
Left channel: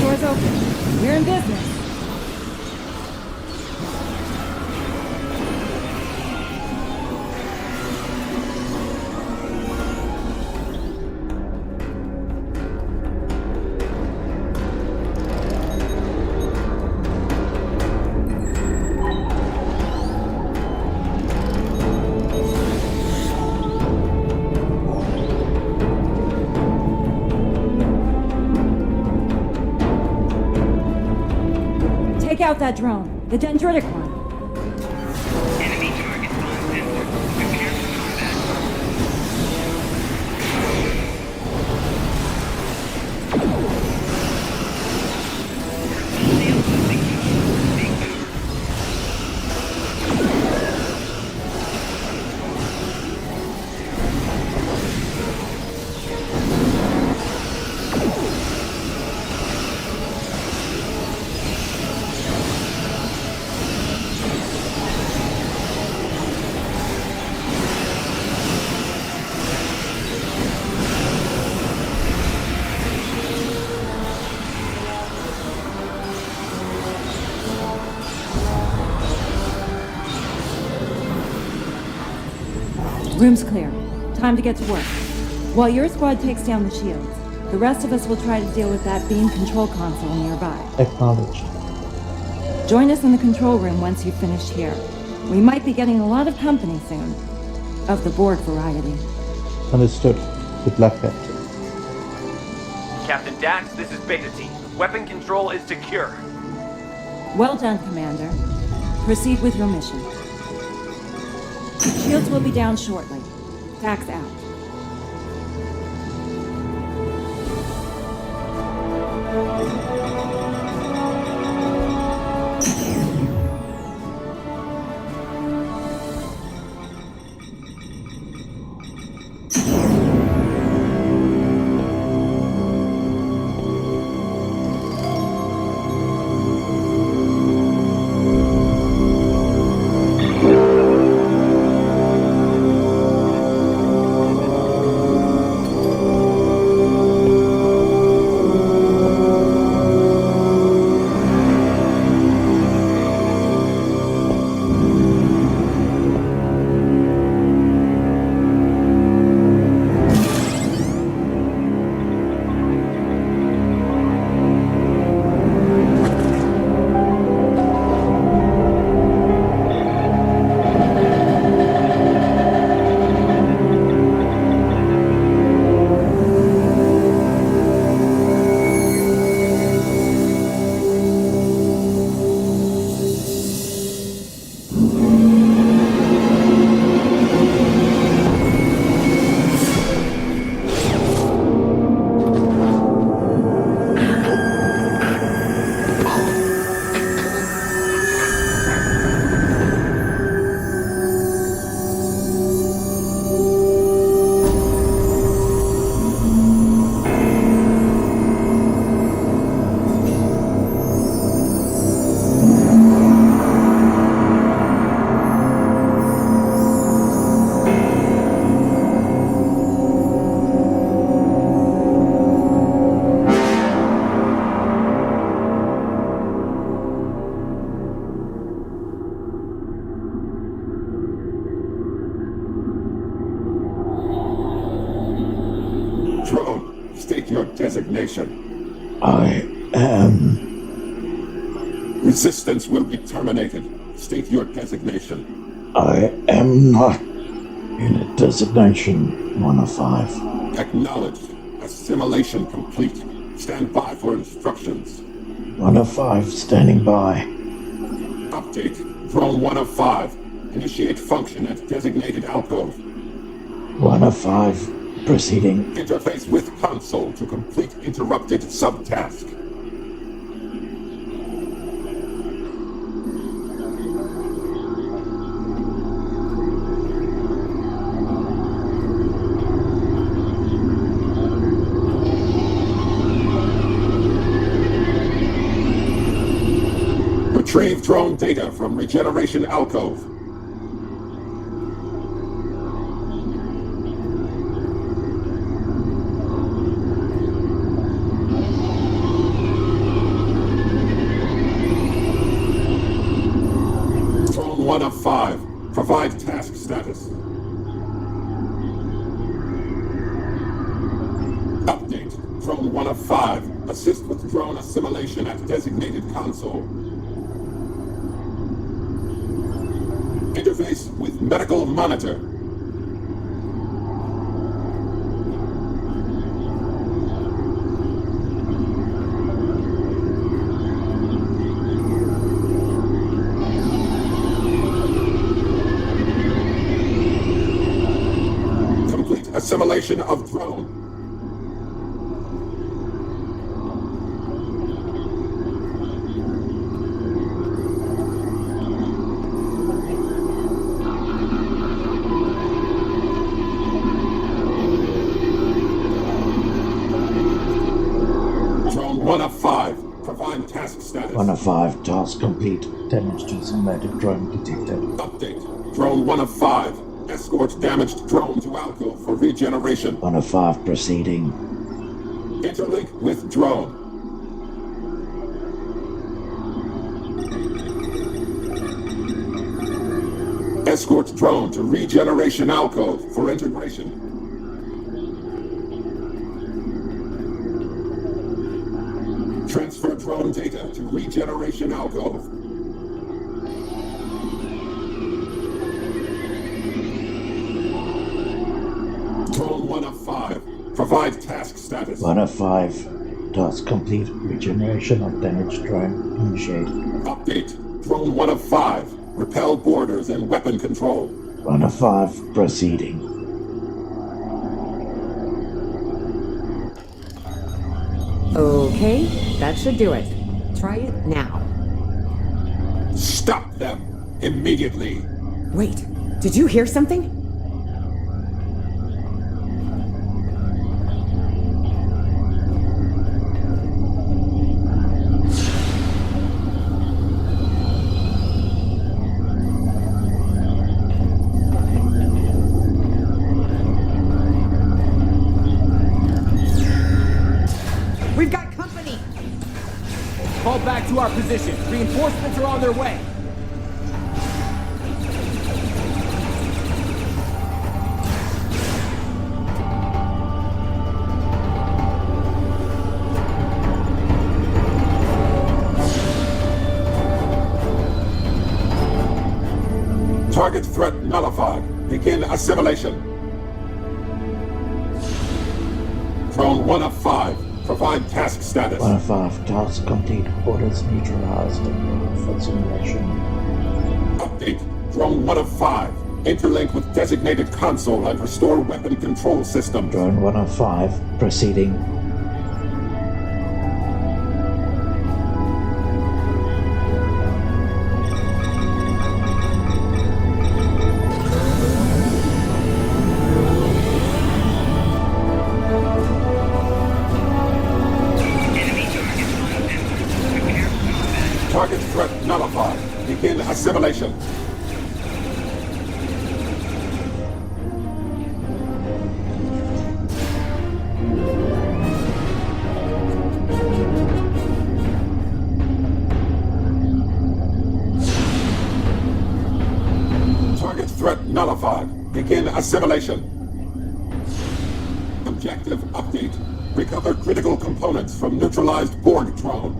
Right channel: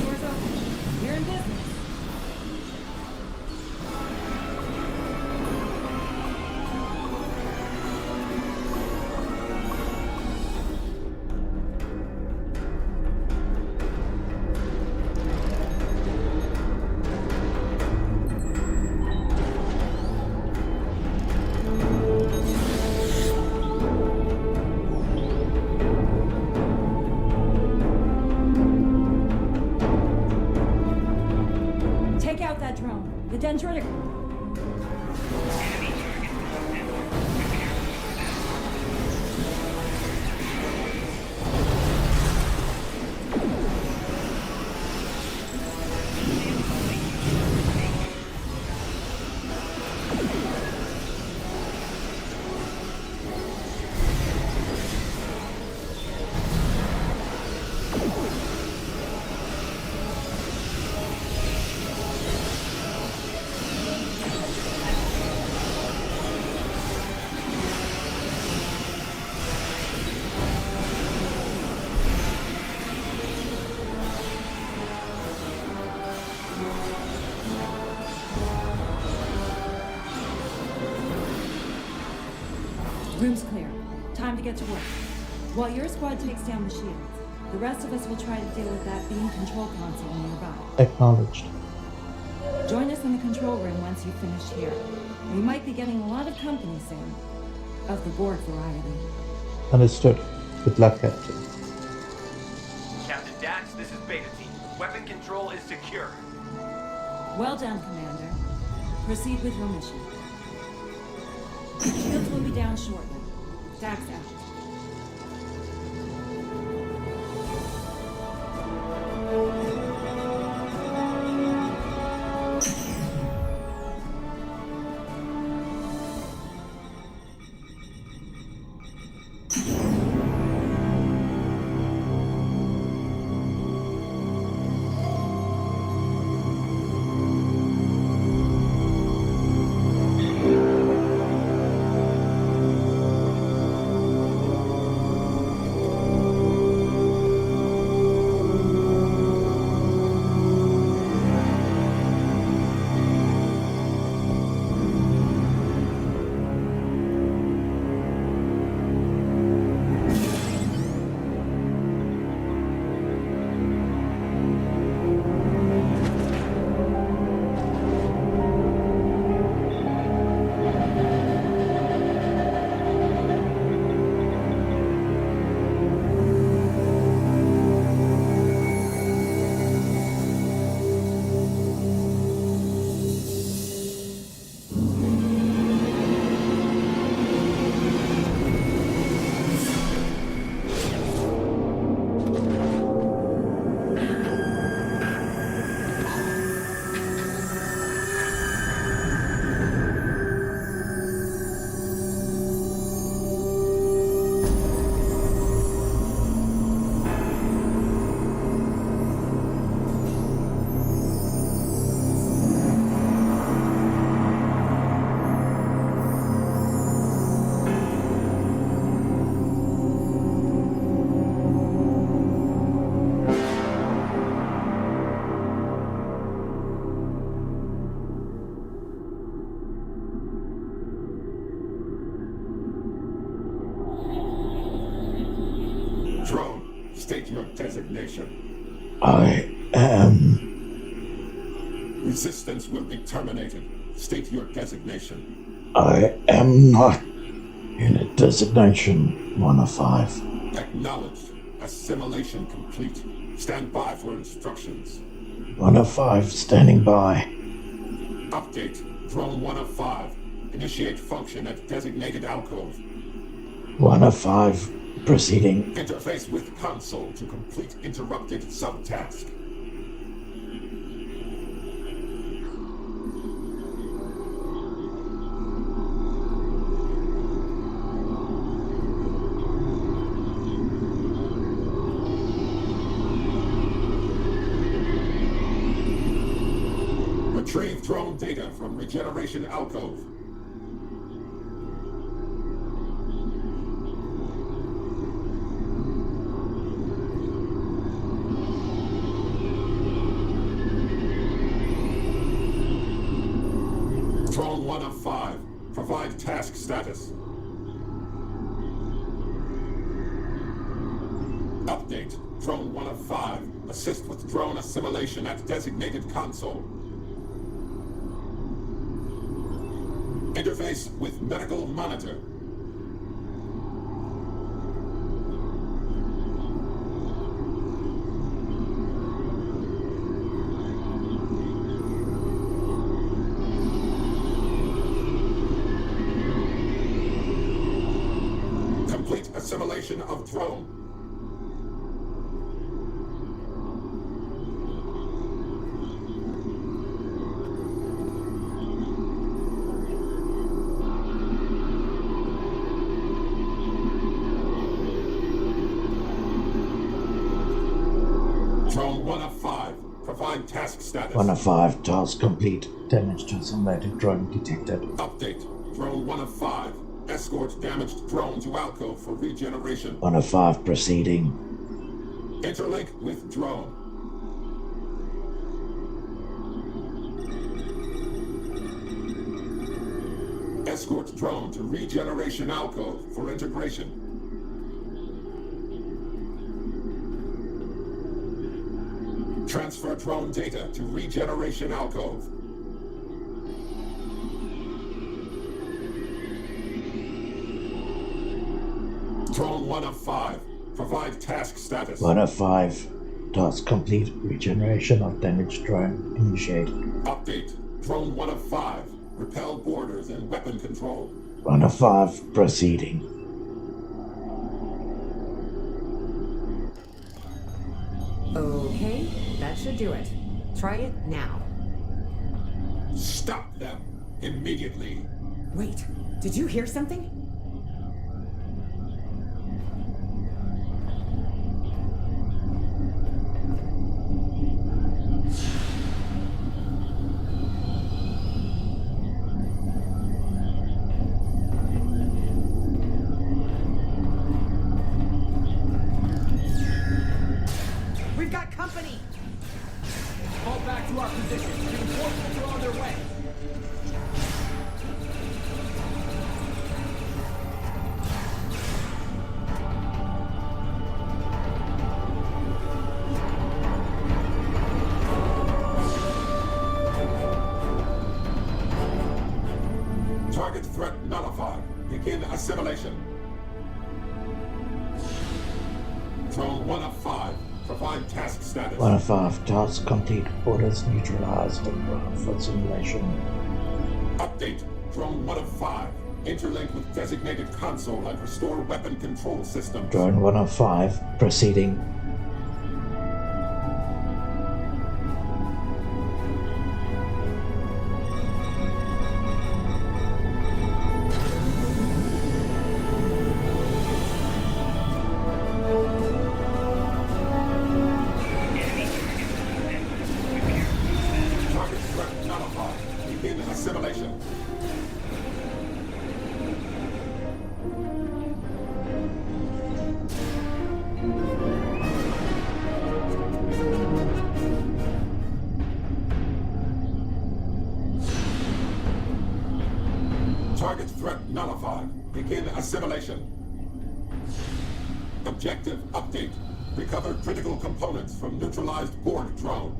Doors open. We're in business. Take out that drone, the dendritic one. Enemy target on sensor. Prepare for combat. Shield secure. Take cover. Room's clear. Time to get to work. While your squad takes down the shields, the rest of us will try to deal with that beam control console nearby. Acknowledged. Join us in the control room once you've finished here. We might be getting a lot of company soon. Of the Borg variety. Understood. Good luck, Captain. Captain Dax, this is Beta Team. Weapon control is secure. Well done, Commander. Proceed with your mission. Shields will be down shortly. Dax out. your designation. I am... Resistance will be terminated. State your designation. I am not in a designation 1 of 5. Acknowledged. Assimilation complete. Stand by for instructions. 1 of 5 standing by. Update. Drone 1 of 5. Initiate function at designated alcove. 1 of 5 proceeding. Interface with console to complete interrupted subtask. Retrieve drone data from Regeneration Alcove. Drone 1 of 5. Provide task status. Update. Drone 1 of 5. Assist with drone assimilation at designated console. Interface with medical monitor. Complete assimilation of drone. Drone 1 of 5. Provide task status. 1 of 5. Task complete. Damage to assimilated drone detected. Update. Drone 1 of 5. Escort damaged drone to alcove for regeneration. 1 of 5 proceeding. Interlink with drone. Escort drone to regeneration alcove for integration. Transfer drone data to regeneration alcove. Drone 1 of 5. Provide task status. 1 of 5. Task complete. Regeneration of damaged drone initiated. Update. Drone 1 of 5. Repel borders and weapon control. 1 of 5 proceeding. Okay, that should do it. Try it now. Stop them! Immediately! Wait, did you hear something? We've got company! Fall back to our position. Reinforcements are on their way. Target threat nullified. Begin assimilation. Drone 1 of 5. Provide task status. 1 of 5. Task complete. Orders neutralized and brought for simulation. Update. Drone 1 of 5. Interlink with designated console and restore weapon control systems. Drone 1 of 5 proceeding. Target threat nullified. Begin assimilation. Target threat nullified. Begin assimilation. Objective update. Recover critical components from neutralized Borg drone.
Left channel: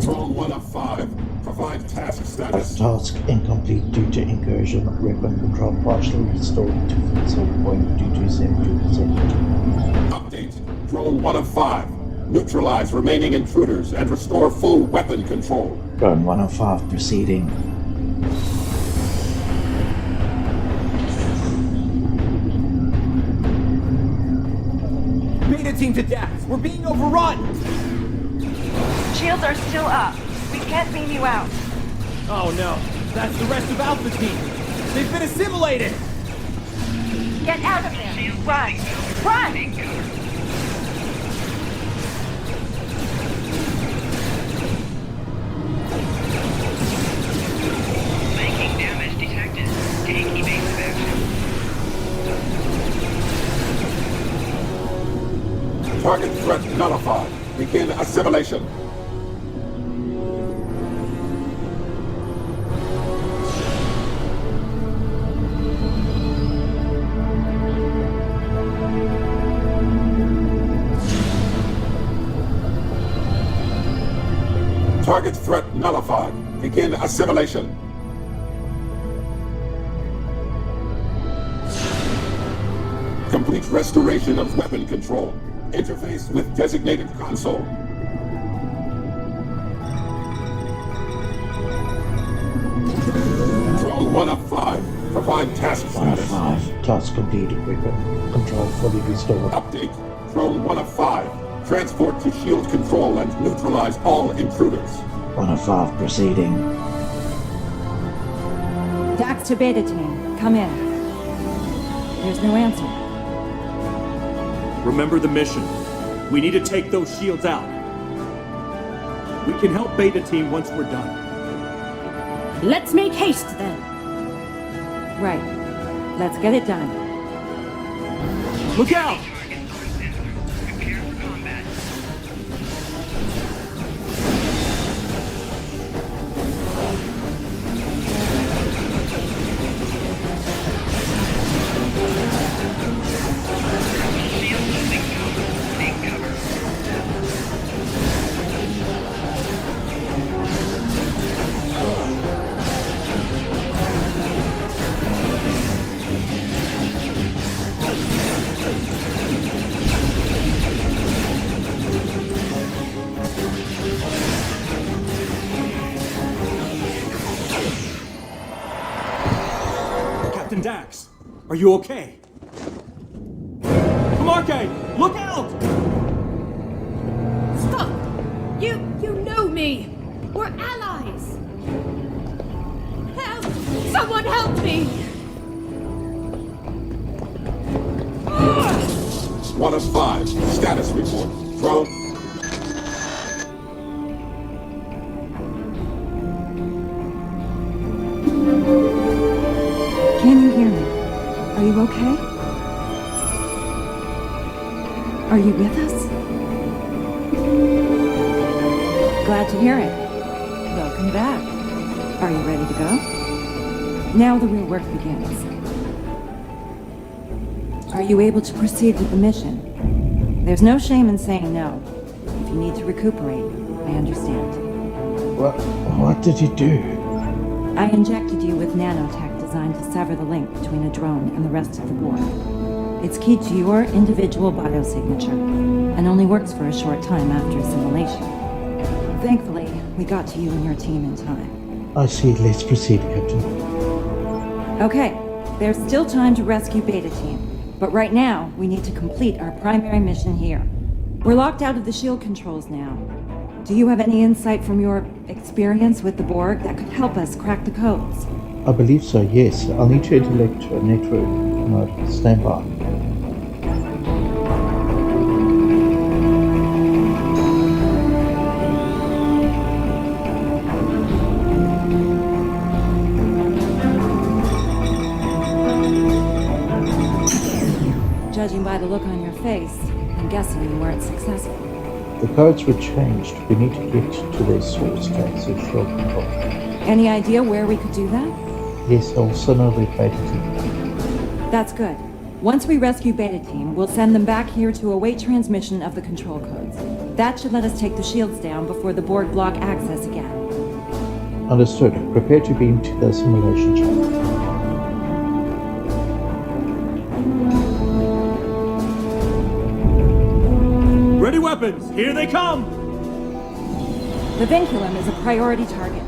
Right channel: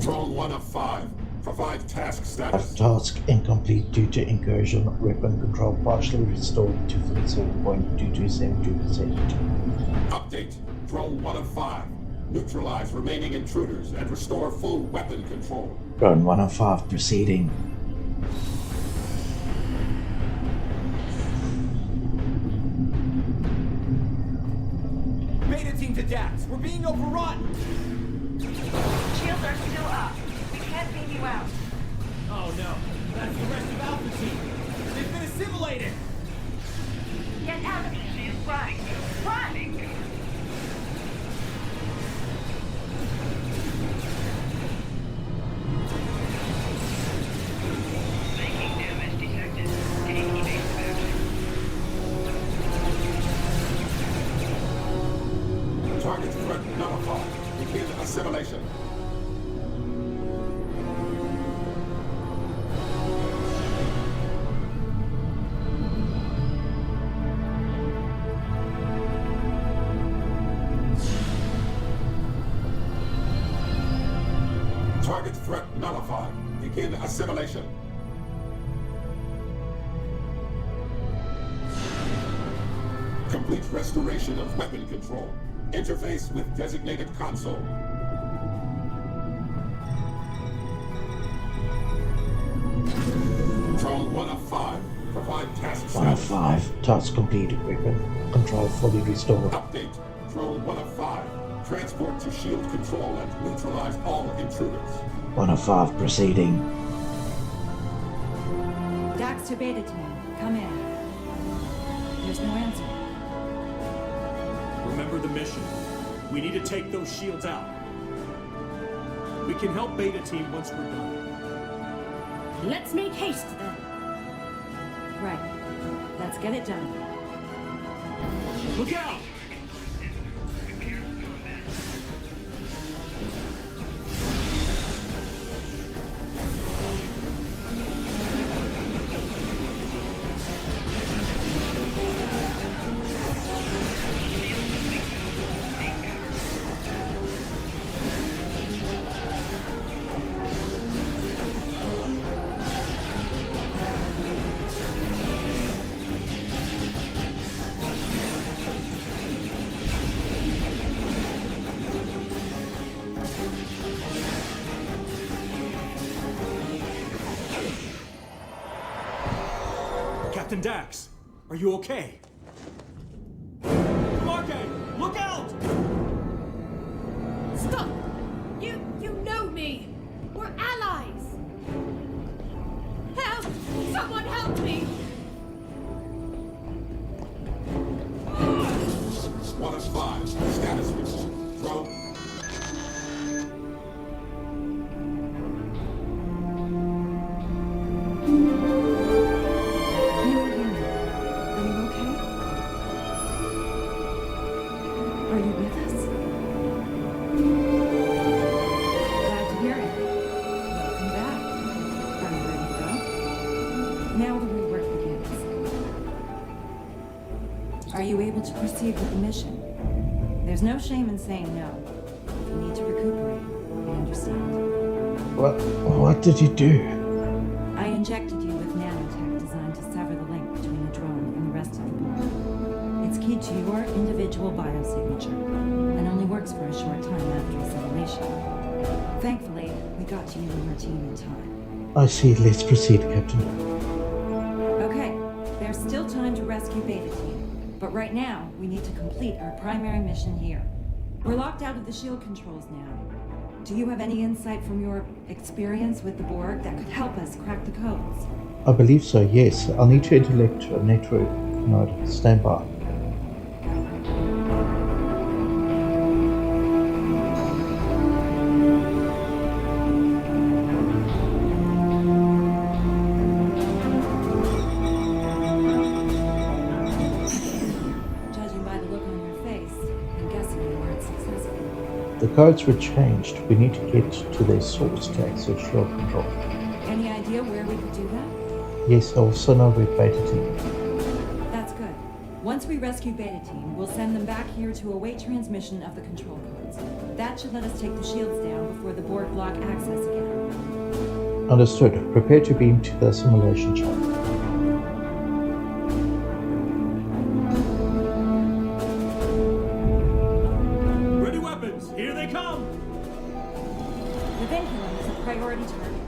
Drone 1 of 5. Provide task status. Task incomplete due to incursion. Weapon control partially restored to 57.272%. Update. Drone 1 of 5. Neutralize remaining intruders and restore full weapon control. Drone 1 of 5 proceeding. Beta team to Dax. We're being overrun. Shields are still up. We can't beam you out. Oh no. That's the rest of Alpha Team. They've been assimilated. Get out of there. Run. Run! Making damage detected. Take evasive action. Target threat nullified. Begin assimilation. Target threat nullified. Begin assimilation. Complete restoration of weapon control. Interface with designated console. Drone 1 of 5. Provide task status. 1 of 5. Task complete. Weapon control fully restored. Update. Drone 1 of 5. Transport to shield control and neutralize all intruders. 1 of 5 proceeding. Dax to Beta Team. Come in. There's no answer. Remember the mission. We need to take those shields out. We can help Beta Team once we're done. Let's make haste then. Right. Let's get it done. Look out! Captain Dax, are you okay? Marque, look out! Stop! You know me! We're allies! Help! Someone help me! 1 of 5. Status report. Drone. Can you hear me? Are you okay? Are you with us? Glad to hear it. Welcome back. Are you ready to go? Now the real work begins. Are you able to proceed with the mission? There's no shame in saying no. If you need to recuperate, I understand. What did you do? I injected you with nanotech designed to sever the link between a drone and the rest of the Borg. It's keyed to your individual biosignature, and only works for a short time after assimilation. Thankfully, we got to you and your team in time. I see. Let's proceed, Captain. Okay, there's still time to rescue Beta Team, but right now, we need to complete our primary mission here. We're locked out of the shield controls now. Do you have any insight from your experience with the Borg that could help us crack the codes? I believe so, yes. I'll need to intellect a network node. Stand by. Judging by the look on your face, I'm guessing you weren't successful. The codes were changed. We need to get to their source to access shield control. Any idea where we could do that? Yes, I also know about Beta Team. That's good. Once we rescue Beta Team, we'll send them back here to await transmission of the control codes. That should let us take the shields down before the Borg block access again. Understood. Prepare to beam to the simulation channel. Ready weapons! Here they come! The vinculum is a priority target.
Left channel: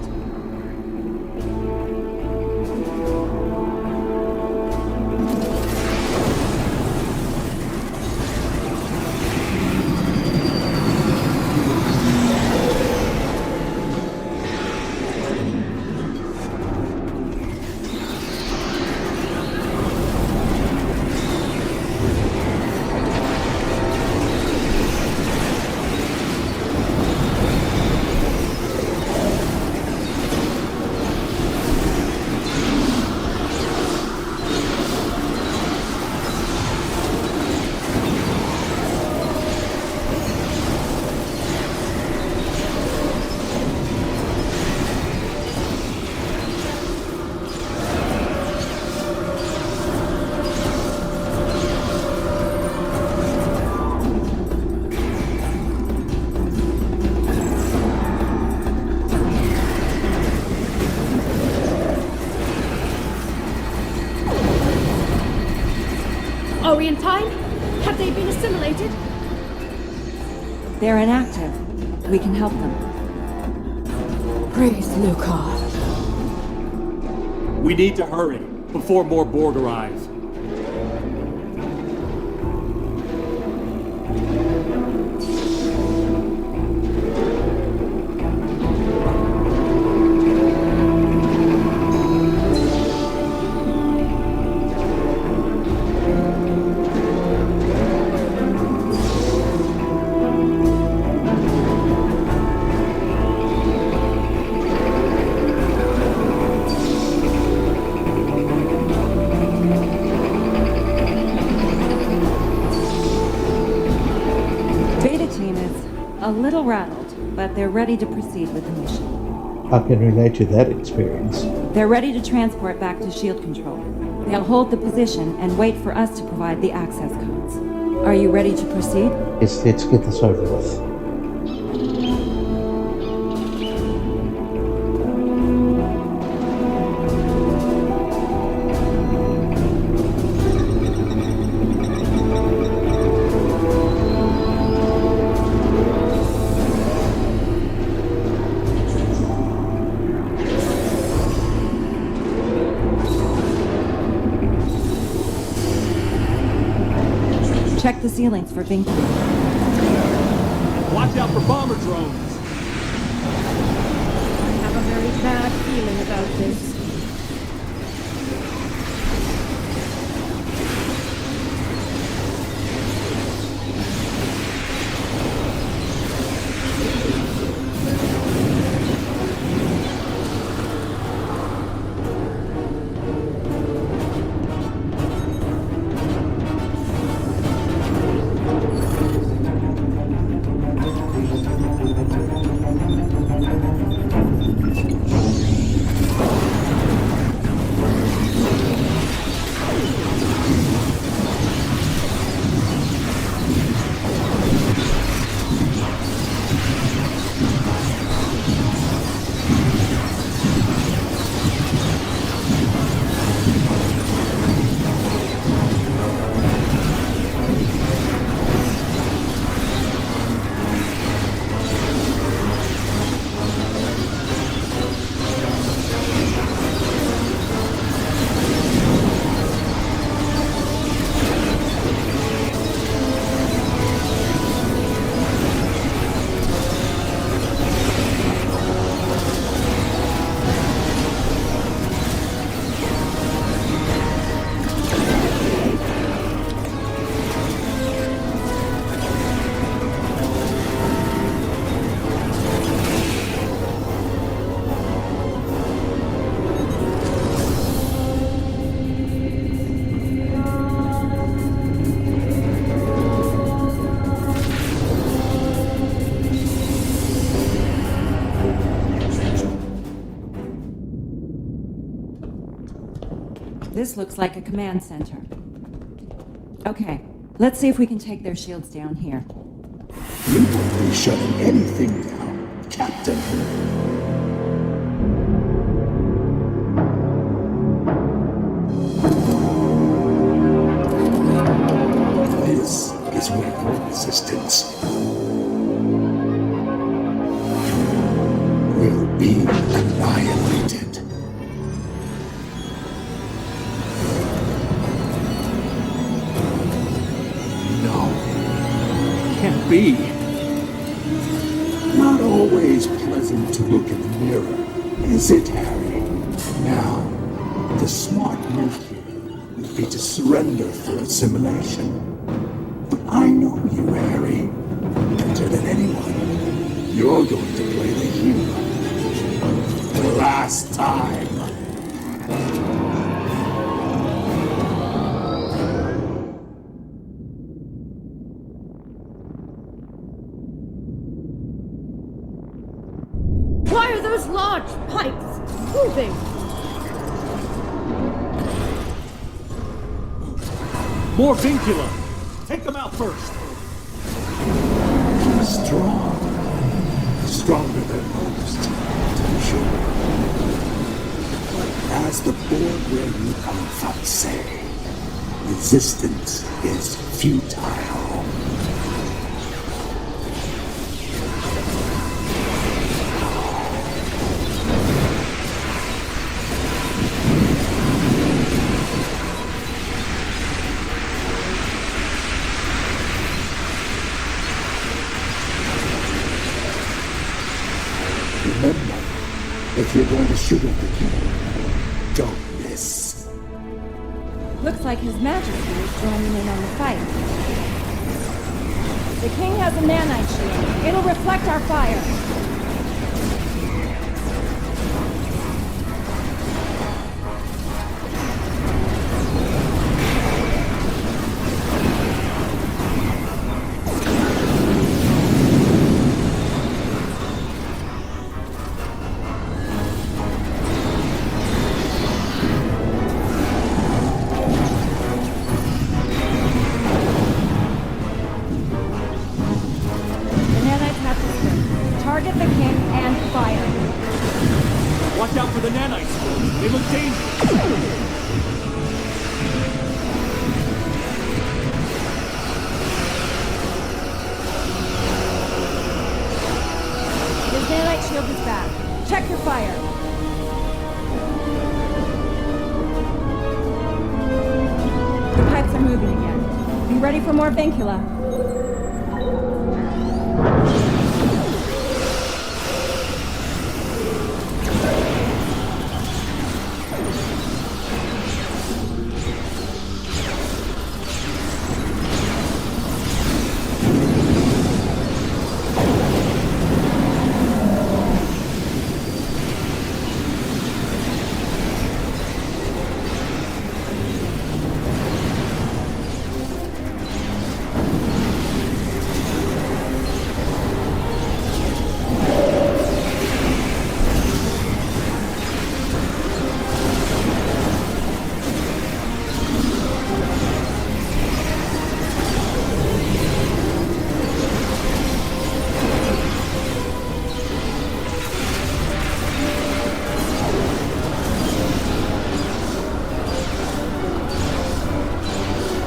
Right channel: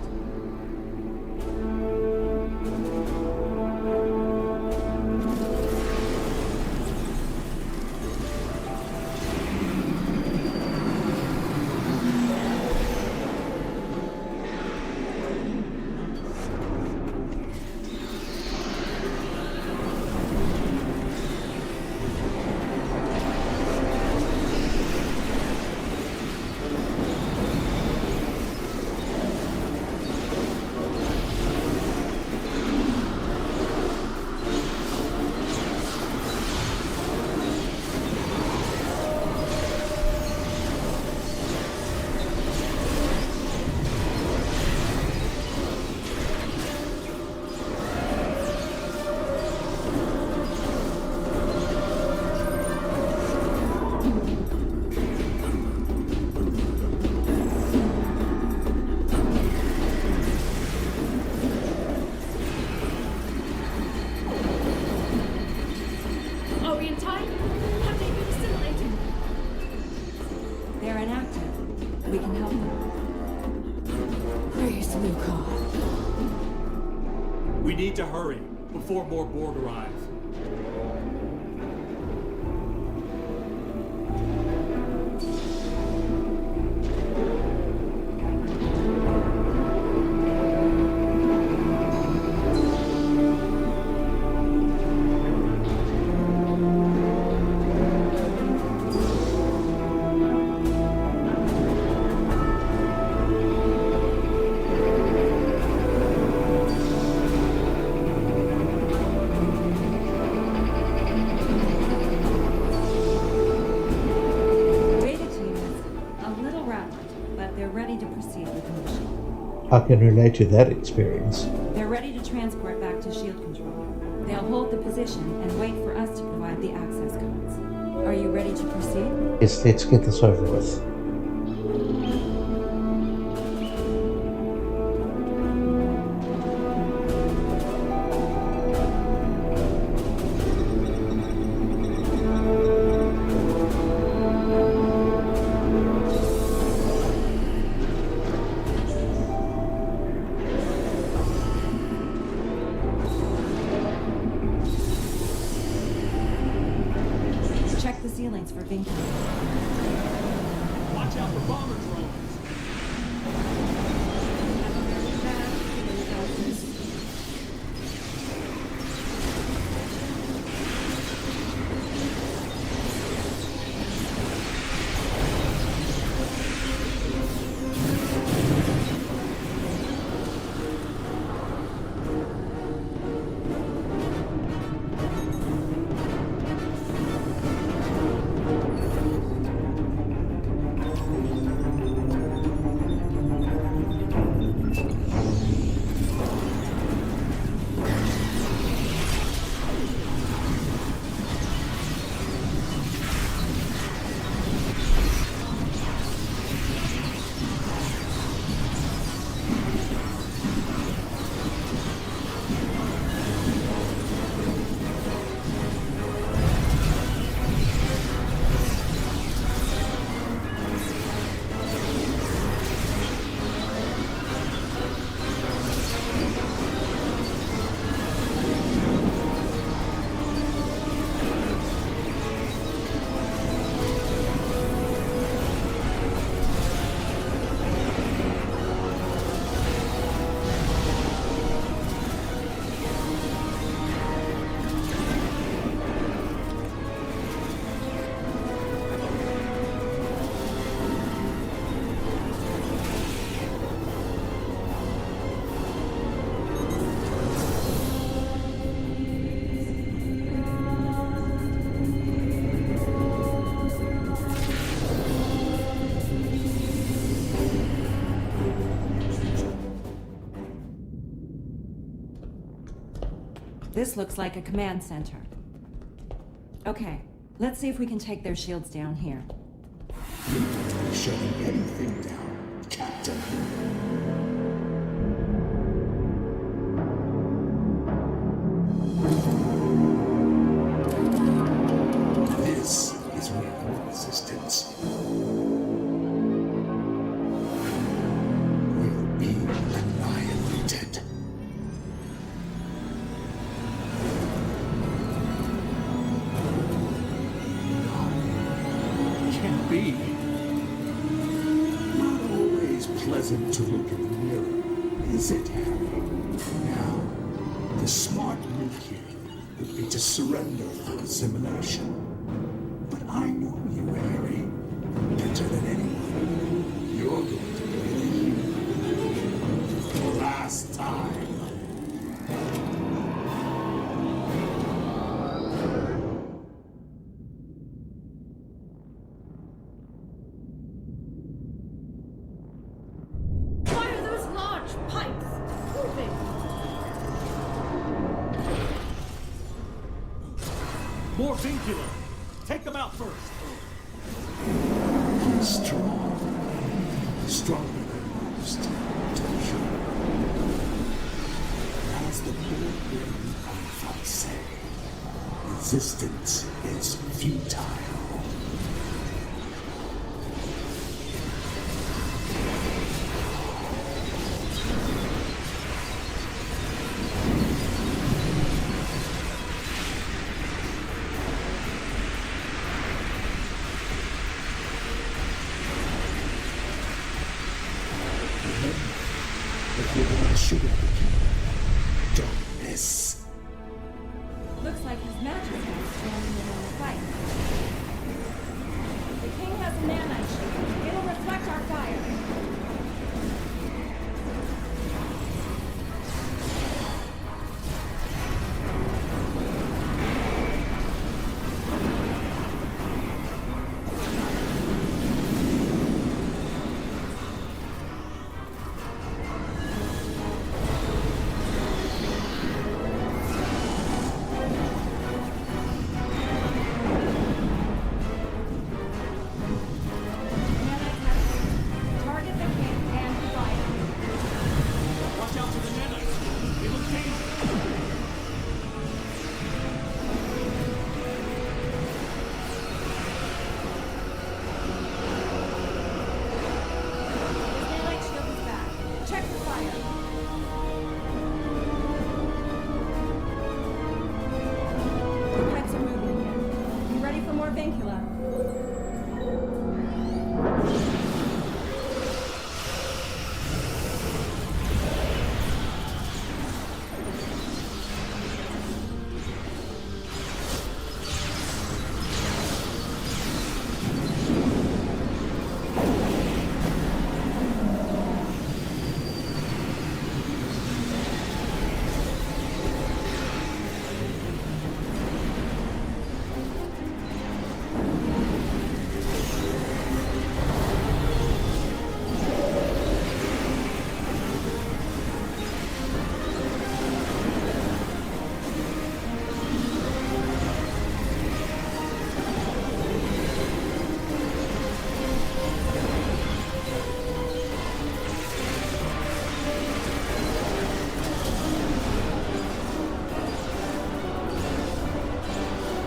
Are we in time? Have they been assimilated? They're inactive. We can help them. Praise Luca. We need to hurry, before more Borg arrive. A little rattled, but they're ready to proceed with the mission. I can relate to that experience. They're ready to transport back to shield control. They'll hold the position and wait for us to provide the access codes. Are you ready to proceed? Yes, let's get this over with. Check the ceilings for vinculum. Watch out for bomber drones! I have a very bad feeling about this. This looks like a command center. Okay, let's see if we can take their shields down here. You won't be shutting anything down, Captain. This is where your resistance will be annihilated. No. Can't be. Not always pleasant to look in the mirror, is it, Harry? Now, the smart move here would be to surrender for assimilation. But I know you, Harry, better than anyone. You're going to play the hero. The last time. Why are those large pipes moving? More vincula! Take them out first! You're strong. Stronger than most, to be sure. As the Borg where you come from say, resistance is futile. Remember, if you're going to shoot at the king, don't miss. Looks like His Majesty is joining in on the fight. The king has a nanite shield. It'll reflect our fire. Target the king and fire. Watch out for the nanites. They look dangerous. His nanite shield is back. Check your fire. The pipes are moving again. Be ready for more vincula.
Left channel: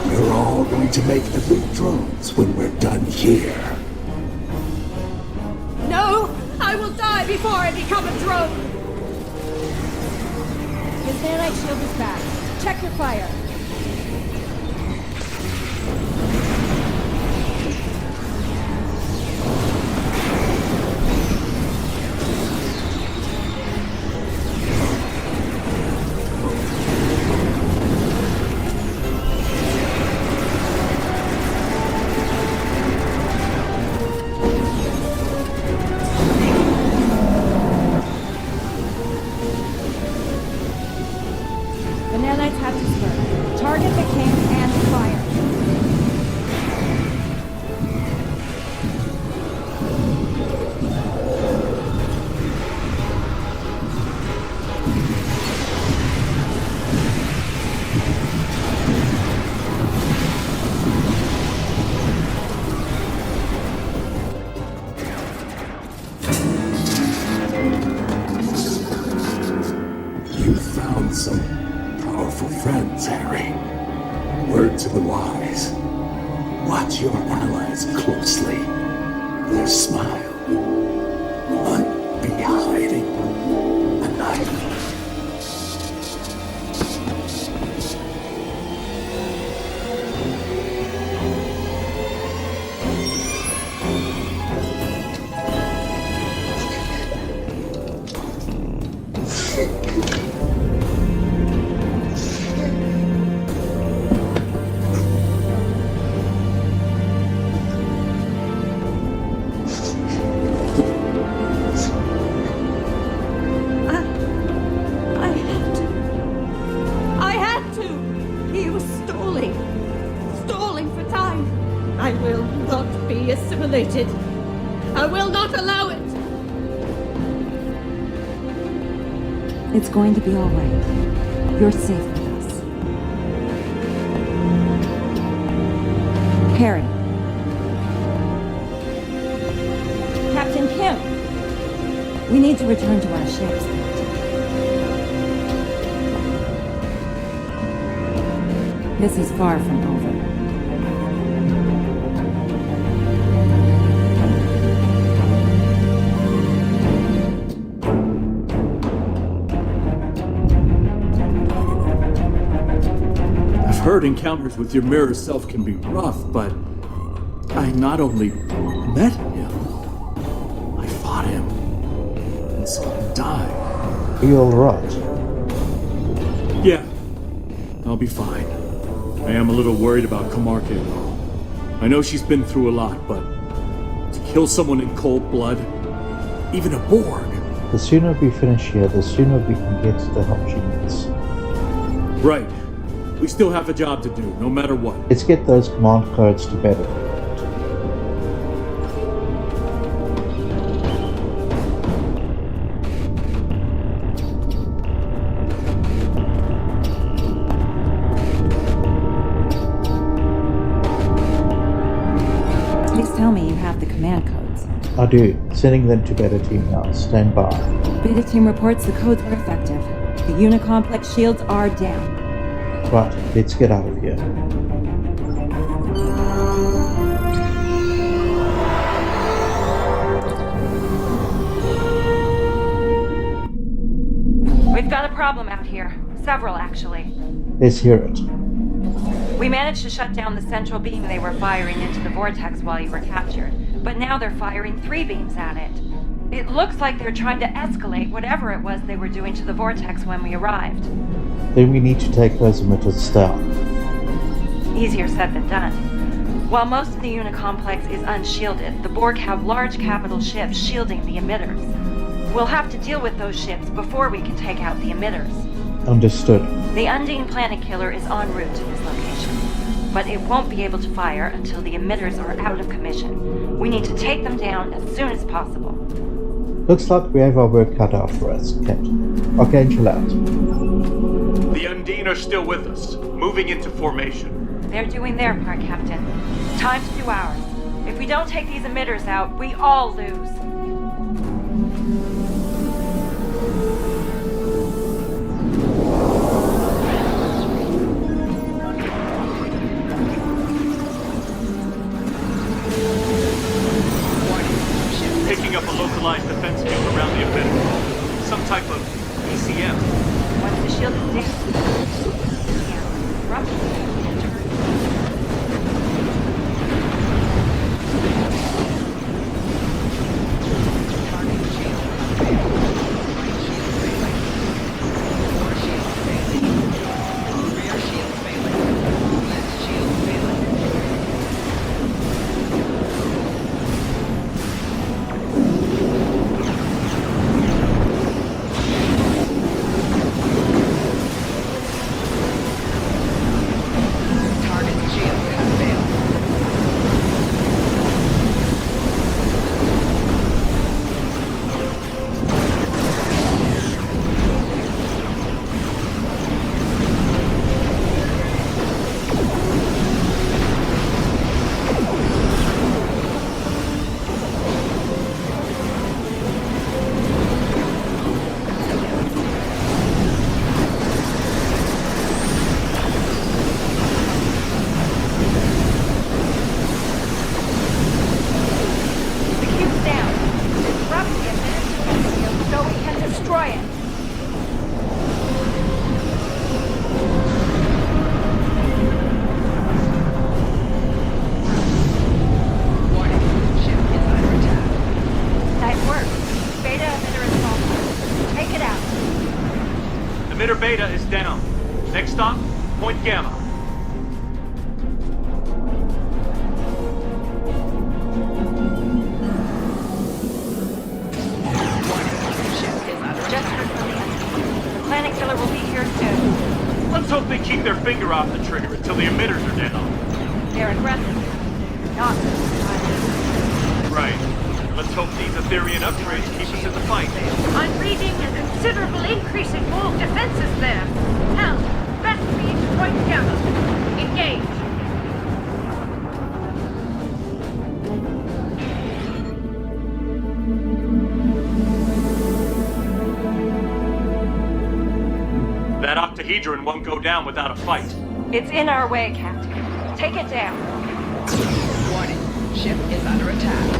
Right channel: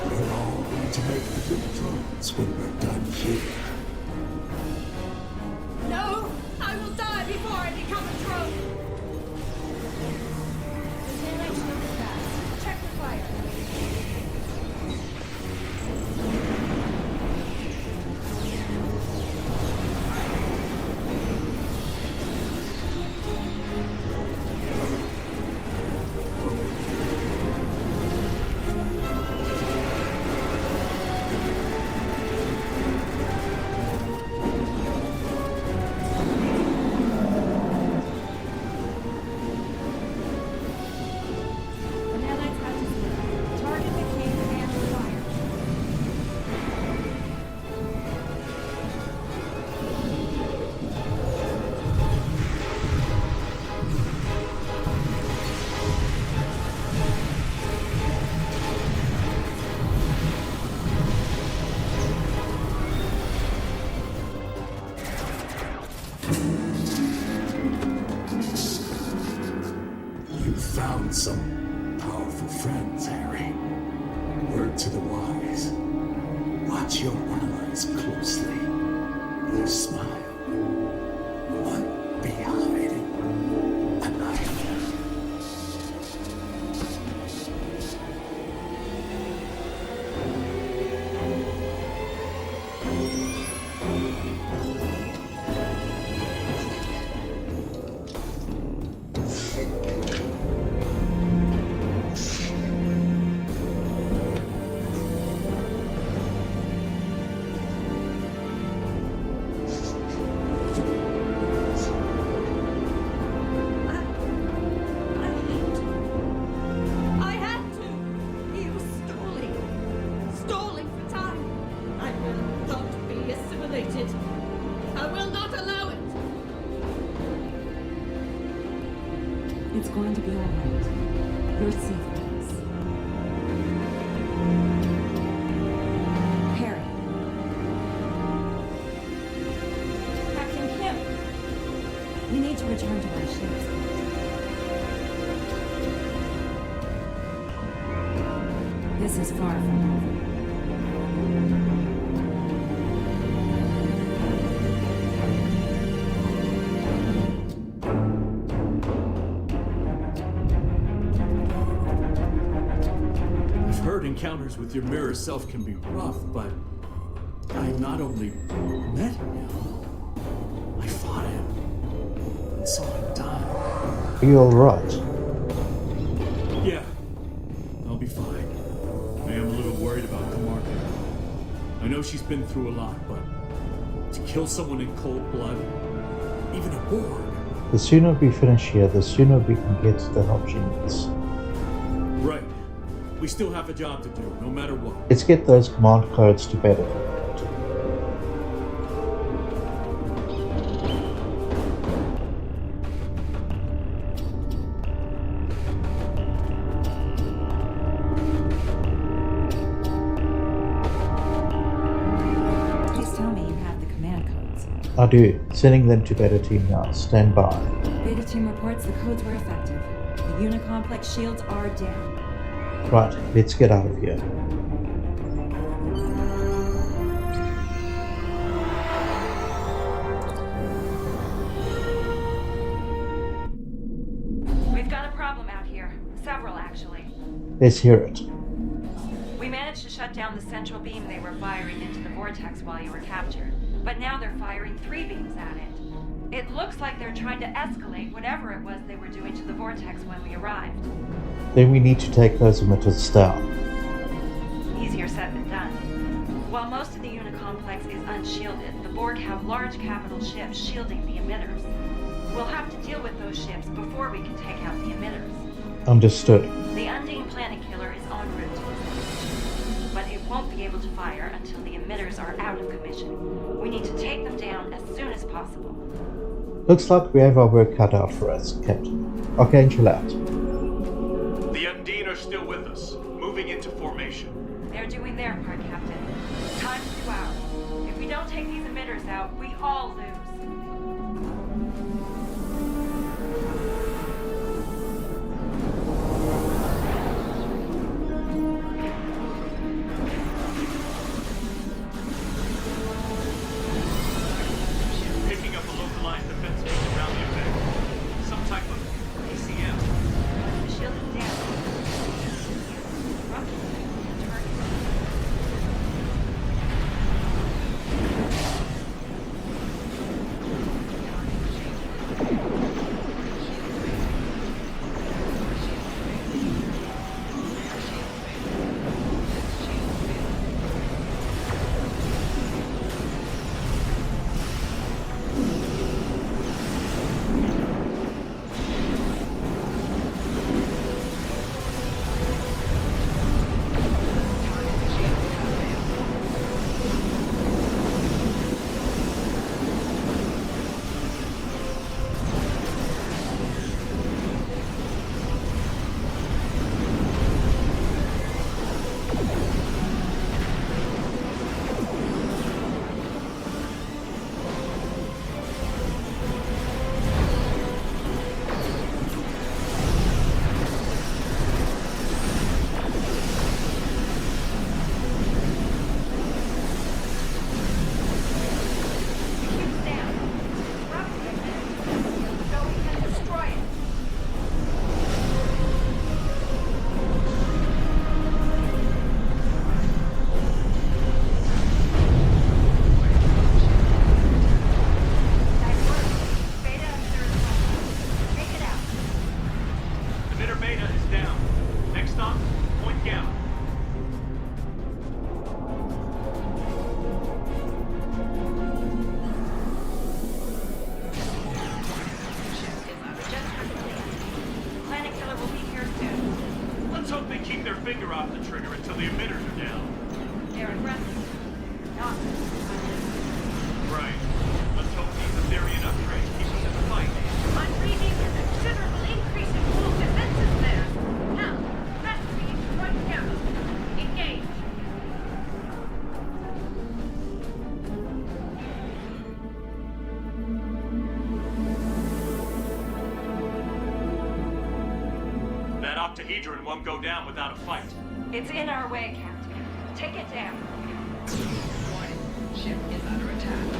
You're all going to make elite drones when we're done here. No! I will die before I become a drone! His nanite shield is back. Check your fire. The nanites have to burn. want some powerful friends, Harry. Word to the wise. Watch your allies closely. Their smile might be hiding a knife. I will not allow it! It's going to be all right. You're safe with us. Harry. Captain Kim. We need to return to our ships. This is far from over. Heard encounters with your mirror self can be rough, but I not only met him, I fought him and saw him die. Are you alright? Yeah, I'll be fine. I am a little worried about Kamarke, though. I know she's been through a lot, but to kill someone in cold blood, even a Borg. The sooner we finish here, the sooner we can get the help she needs. Right. We still have a job to do, no matter what. Let's get those command codes to better. Please tell me you have the command codes. I do. Sending them to Beta Team now. Stand by. Beta Team reports the codes were effective. The Unicomplex shields are down. Right, let's get out of here. We've got a problem out here. Several, actually. Let's hear it. We managed to shut down the central beam they were firing into the vortex while you were captured, but now they're firing 3 beams at it. It looks like they're trying to escalate whatever it was they were doing to the vortex when we arrived. Then we need to take those emitters down. Easier said than done. While most of the Unicomplex is unshielded, the Borg have large capital ships shielding the emitters. We'll have to deal with those ships before we can take out the emitters. Understood. The Undine Planet Killer is en route to this location, but it won't be able to fire until the emitters are out of commission. We need to take them down as soon as possible. Looks like we have our work cut out for us, Captain. Archangel out. The Undine are still with us, moving into formation. They're doing their part, Captain. Time to do ours. If we don't take these emitters out, we all lose. Picking up a localized defense field around the emitter. Some type of ECM. Once the shield is down, roughly and target. Target shield unveiled. Right shield failing. Core shield failing. Rear shield failing. Left shield failing. stop. Point Gamma. Just heard from the enemy. The planet killer will be here soon. Let's hope they keep their finger off the trigger until the emitters are down. They're aggressive, not silent. Right. Let's hope these Etherean upgrades keep us in the fight. I'm reading a considerable increase in Borg defenses there. Hell, best speed to Point Gamma. Engage. That octahedron won't go down without a fight. It's in our way, Captain. Take it down. Warning. Ship is under attack.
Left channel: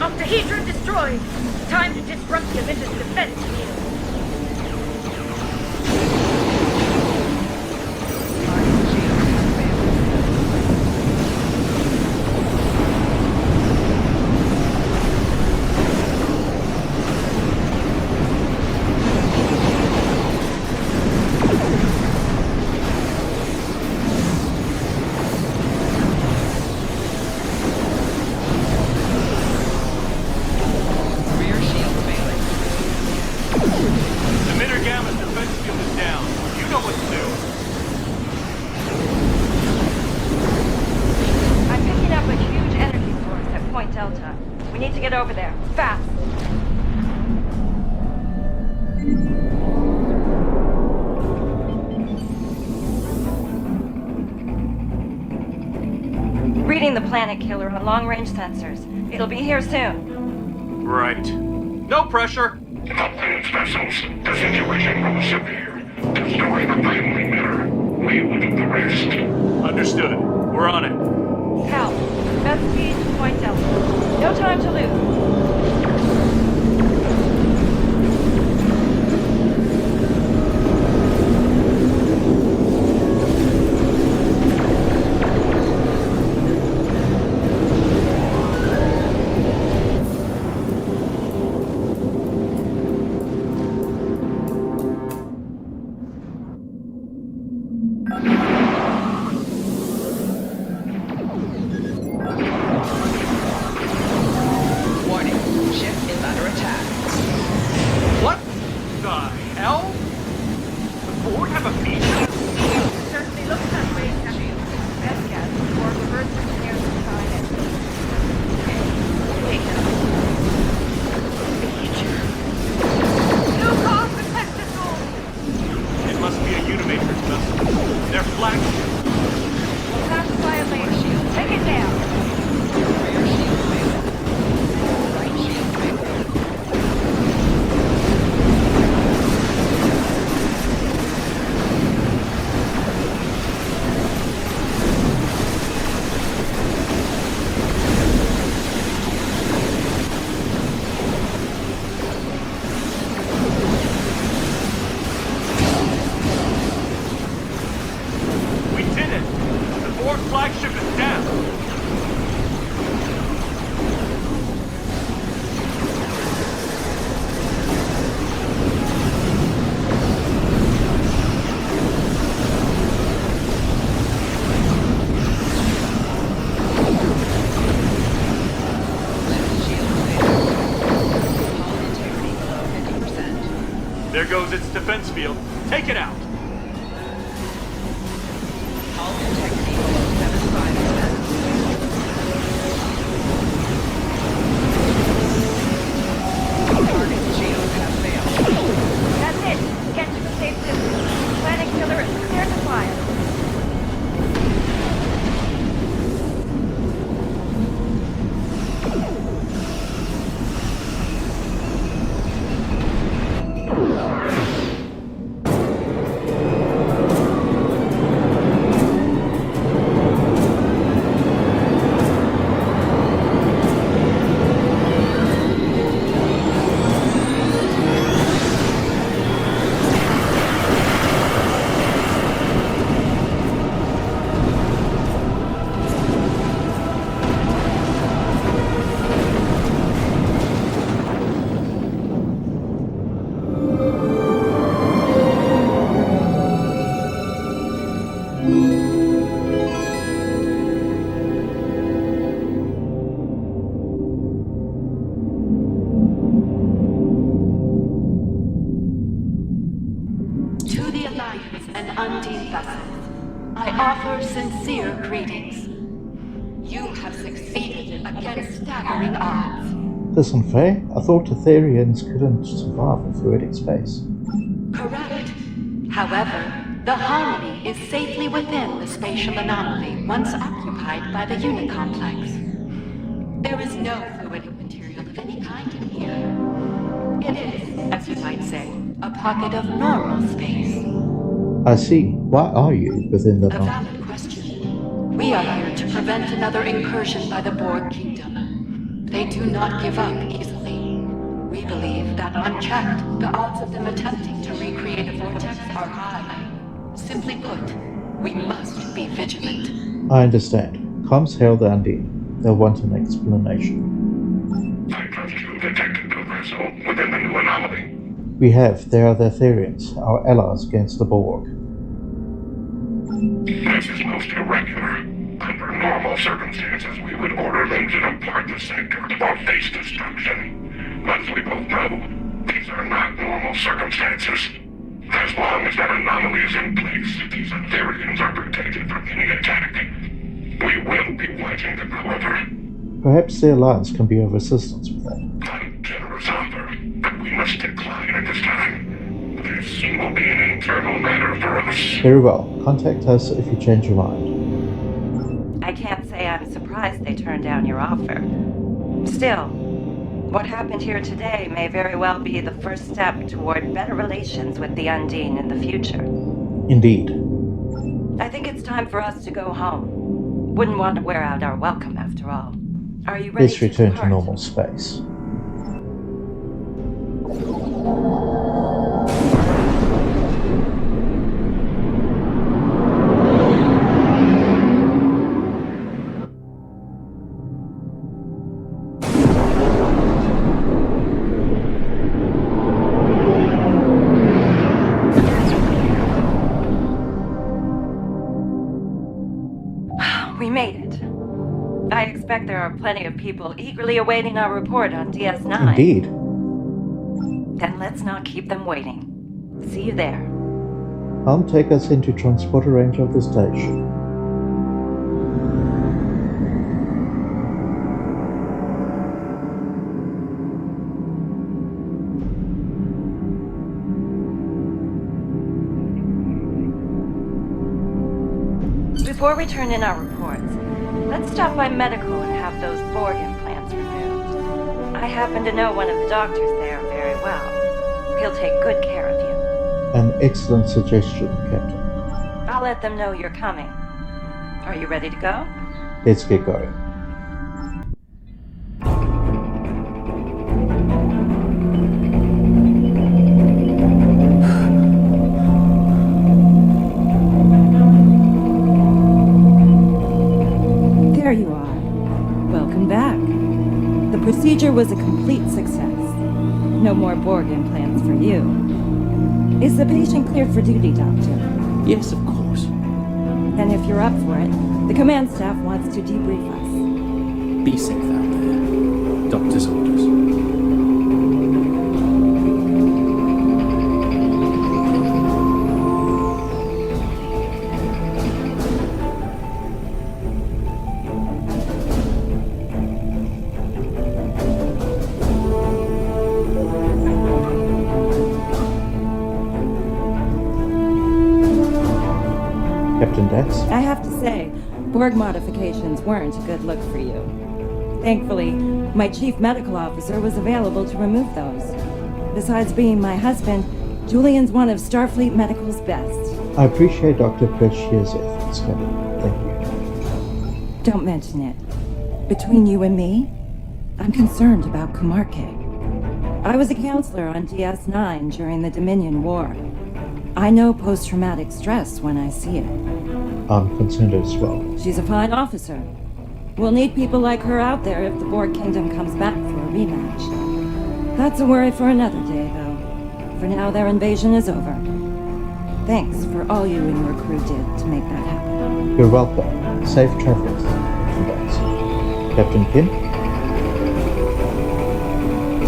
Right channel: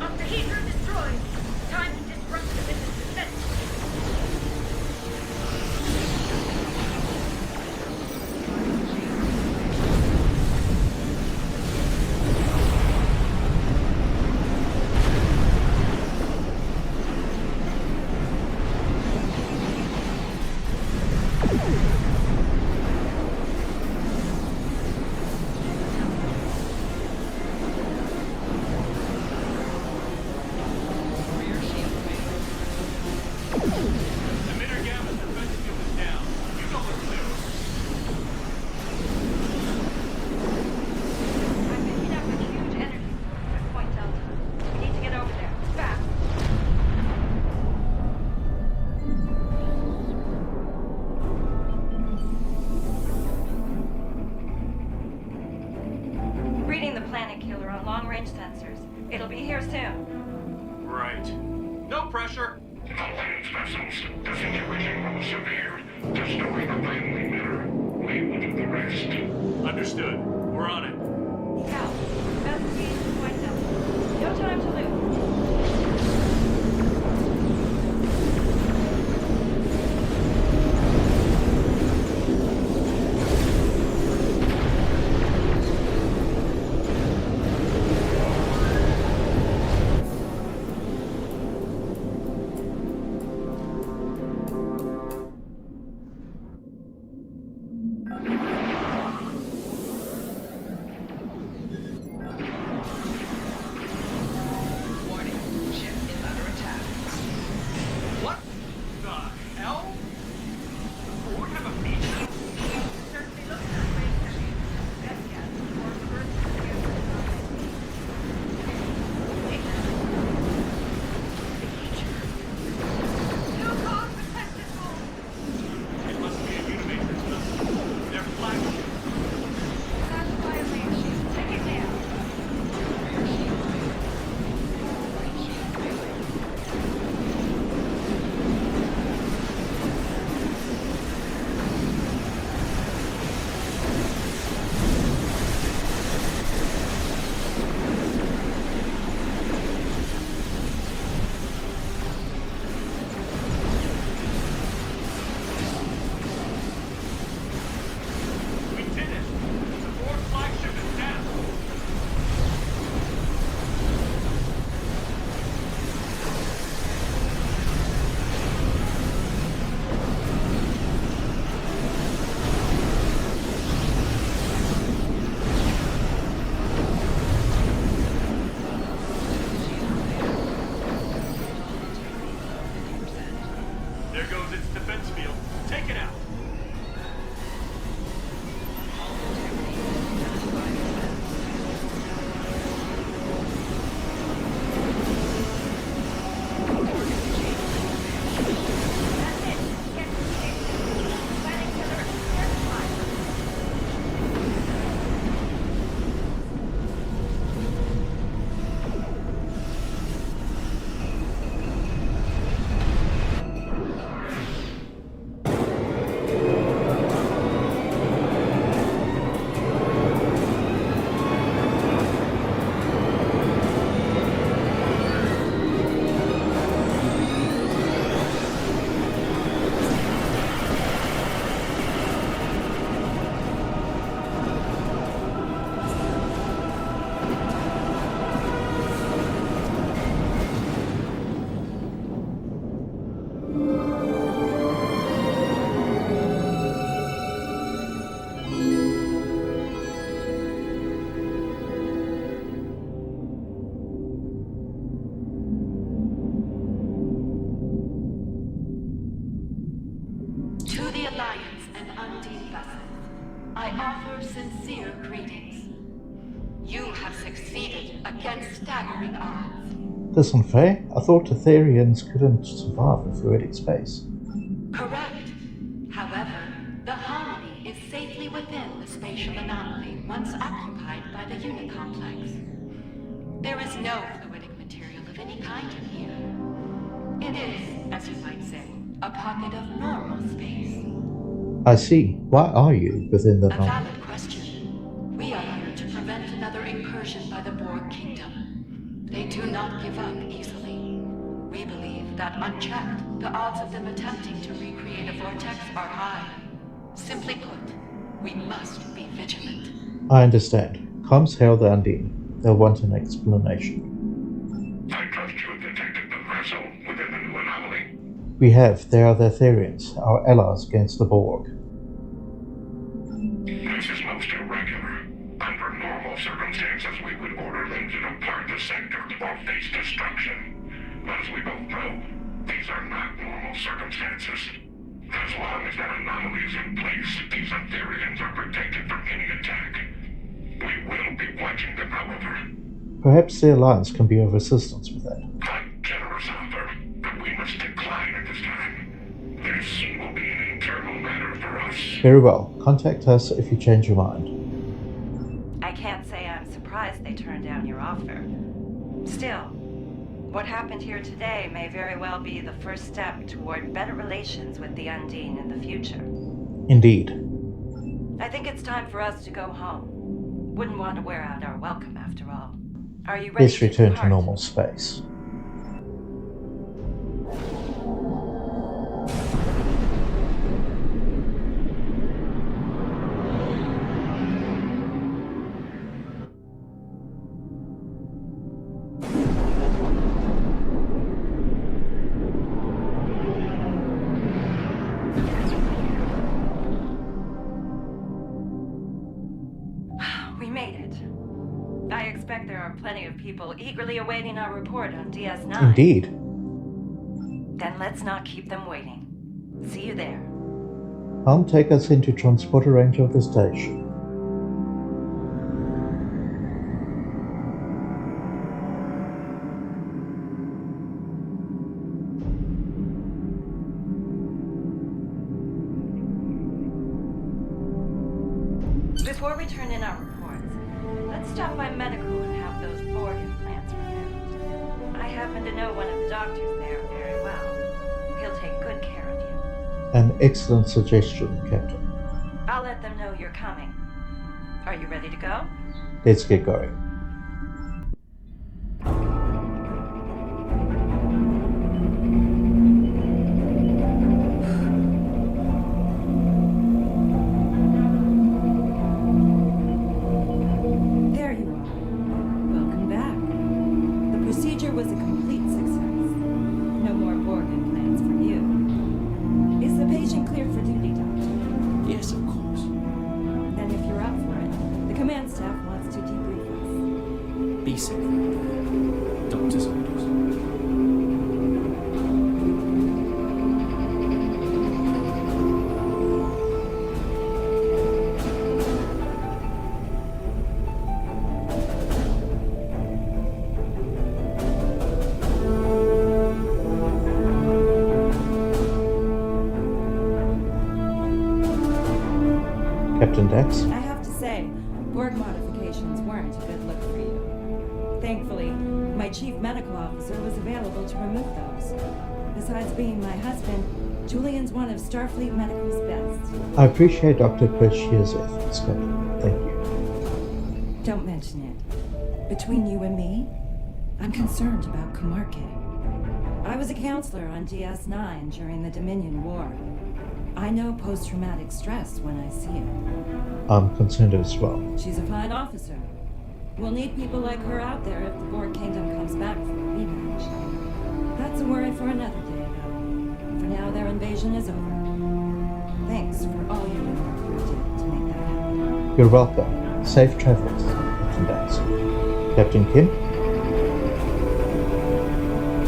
Octahedron destroyed. Time to disrupt the emitters' defense. Reading the planet killer on long-range sensors. It'll be here soon. Right. No pressure. Alliance vessels, the situation grows severe. Destroy the final emitter. We will do the rest. Understood. We're on it. Cal, best speed to Point Delta. No time to lose. There goes its defense field. Take it out! Hull integrity below 75%. Target shields have failed. That's it! Get to the safe distance. Planet killer is clear to fire. To the Alliance and Undine vessels, I offer sincere greetings. You have succeeded against staggering odds. This unfair? I thought Etherians couldn't survive in fluidic space. Correct. However, the Harmony is safely within the spatial anomaly once occupied by the unit complex. There is no fluidic material of any kind in here. It is, as you might say, a pocket of normal space. I see. Why are you within the A valid question. We are here to prevent another incursion by the Borg Kingdom. They do not give up easily. We believe that unchecked, the odds of them attempting to recreate a vortex are high. Simply put, we must be vigilant. I understand. Comms hail the Undine. They'll want an explanation. I trust you detected the vessel within the new anomaly. We have. They are the Etherians, our allies against the Borg. This is most irregular. Under normal circumstances, we would order them to depart the sector or face destruction. But as we both know, these are not normal circumstances. As long as that anomaly is in place, these Etherians are protected from any attack. We will be watching them, however. Perhaps the Alliance can be of assistance with that. A generous offer, but we must decline at this time. This will be an internal matter for us. Very well. Contact us if you change your mind. I can't say I'm surprised they turned down your offer. Still, what happened here today may very well be the first step toward better relations with the Undine in the future. Indeed. I think it's time for us to go home. Wouldn't want to wear out our welcome after all. Are you ready Let's return to depart? normal space. We made it. I expect there are plenty of people eagerly awaiting our report on DS9. Indeed. Then let's not keep them waiting. See you there. Helm, take us into transporter range of the station. Before we turn in our reports, let's stop by medical and have those Borg implants removed. I happen to know one of the doctors there very well. He'll take good care of you. An excellent suggestion, Captain. I'll let them know you're coming. Are you ready to go? Let's get going. There you are. Welcome back. The procedure was a complete success. No more Borg implants for you. Is the patient cleared for duty, Doctor? Yes, of course. Then if you're up for it, the command staff wants to debrief us. Be safe out there. Doctor's orders. Captain Dax? I have to say, Borg modifications weren't a good look for you. Thankfully, my chief medical officer was available to remove those. Besides being my husband, Julian's one of Starfleet Medical's best. I appreciate Dr. Perchia's efforts, Captain. Thank you. Don't mention it. Between you and me, I'm concerned about Kumarke. I was a counselor on DS9 during the Dominion War. I know post-traumatic stress when I see it. I'm concerned as well. She's a fine officer. We'll need people like her out there if the Borg Kingdom comes back for a rematch. That's a worry for another day, though. For now, their invasion is over. Thanks for all you and your crew did to make that happen. You're welcome. Safe travels, Captain Dax. Captain Kim?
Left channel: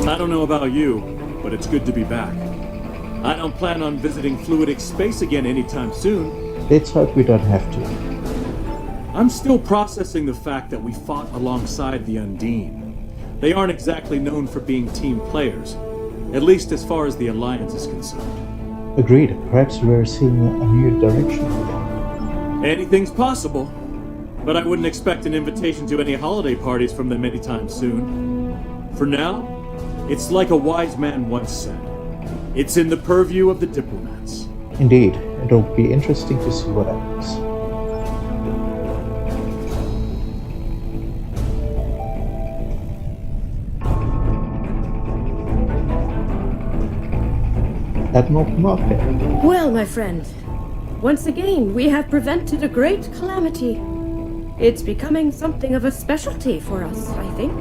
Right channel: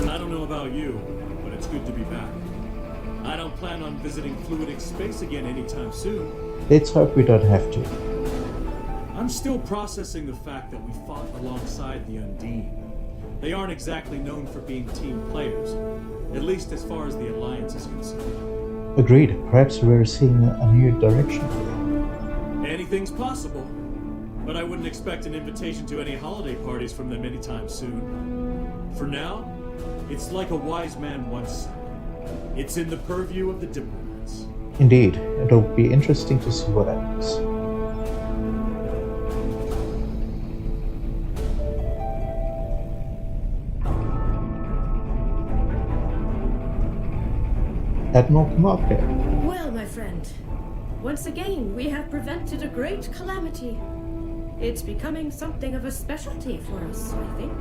I don't know about you, but it's good to be back. I don't plan on visiting fluidic space again anytime soon. Let's hope we don't have to. I'm still processing the fact that we fought alongside the Undine. They aren't exactly known for being team players, at least as far as the Alliance is concerned. Agreed. Perhaps we're seeing a new direction for them. Anything's possible, but I wouldn't expect an invitation to any holiday parties from them anytime soon. For now, it's like a wise man once said. It's in the purview of the diplomats. Indeed. It'll be interesting to see what happens. Admiral Kumarke. Well, my friend, once again, we have prevented a great calamity. It's becoming something of a specialty for us, I think.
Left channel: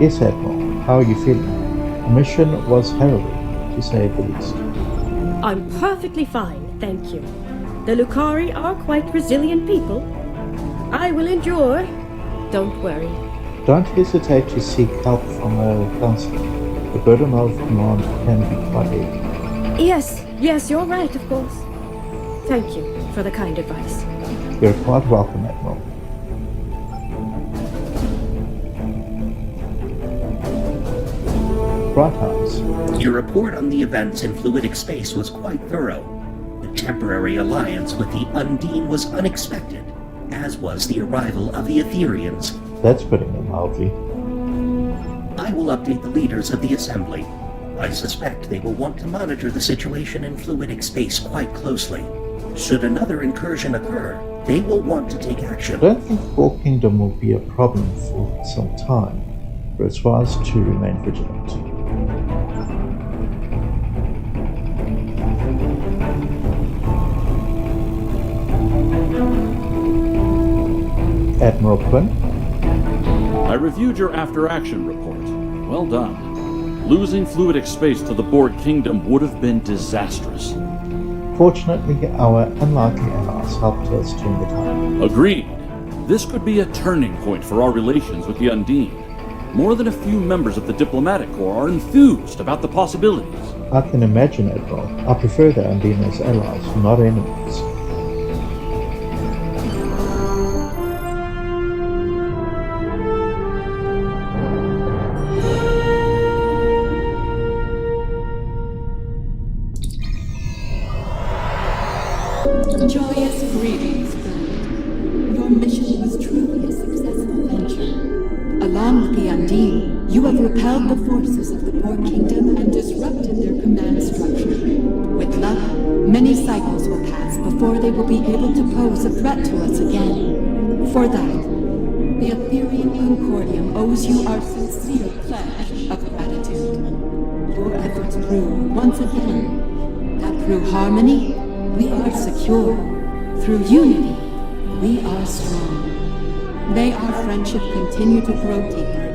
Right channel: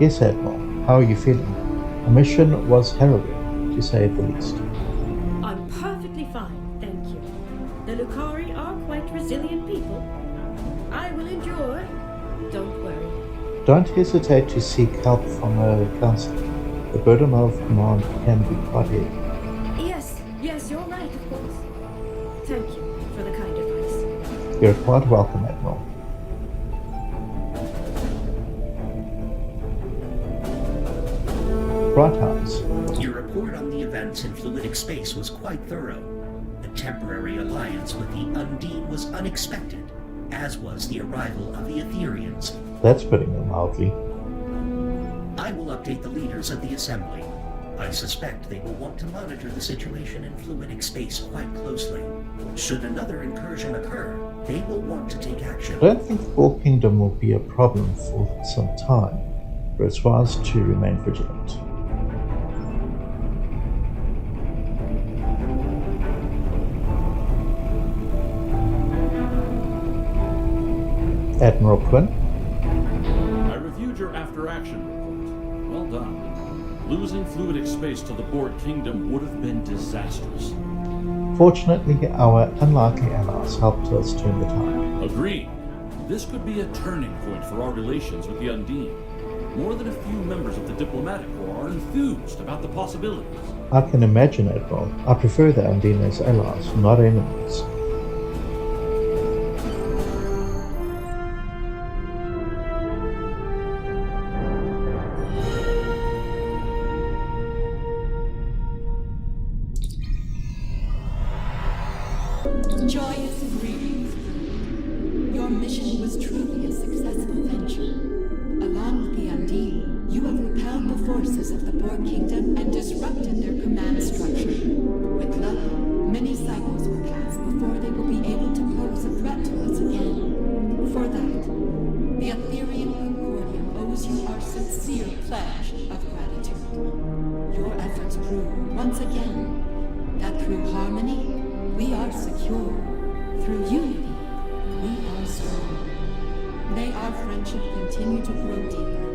Yes, Admiral. How are you feeling? Our mission was harrowing, to say the least. I'm perfectly fine, thank you. The Lucari are quite resilient people. I will endure. Don't worry. Don't hesitate to seek help from a counselor. The burden of command can be quite heavy. Yes, you're right, of course. Thank you for the kind advice. You're quite welcome, Admiral. Bright Eyes. Your report on the events in fluidic space was quite thorough. The temporary alliance with the Undine was unexpected, as was the arrival of the Etherians. That's putting it mildly. I will update the leaders of the Assembly. I suspect they will want to monitor the situation in fluidic space quite closely. Should another incursion occur, they will want to take action. I don't think the Borg Kingdom will be a problem for some time, but it's wise to remain vigilant. Admiral Quinn? I reviewed your after-action report. Well done. Losing fluidic space to the Borg Kingdom would have been disastrous. Fortunately, our unlikely allies helped us turn the tide. Agreed. This could be a turning point for our relations with the Undine. More than a few members of the diplomatic corps are enthused about the possibilities. I can imagine, Admiral. I prefer the Undine as allies, not enemies. Joyous greetings, friend. Your mission was truly a successful venture. Along with the Undine, you have repelled the forces of the Borg Kingdom and disrupted their command structure. With luck, many cycles will pass before they will be able to pose a threat to us again. For that, the Ethereum Concordium owes you our sincere pledge of gratitude. Your efforts prove, once again, that through harmony, we are secure. Through unity, we are strong. May our friendship continue to grow deeper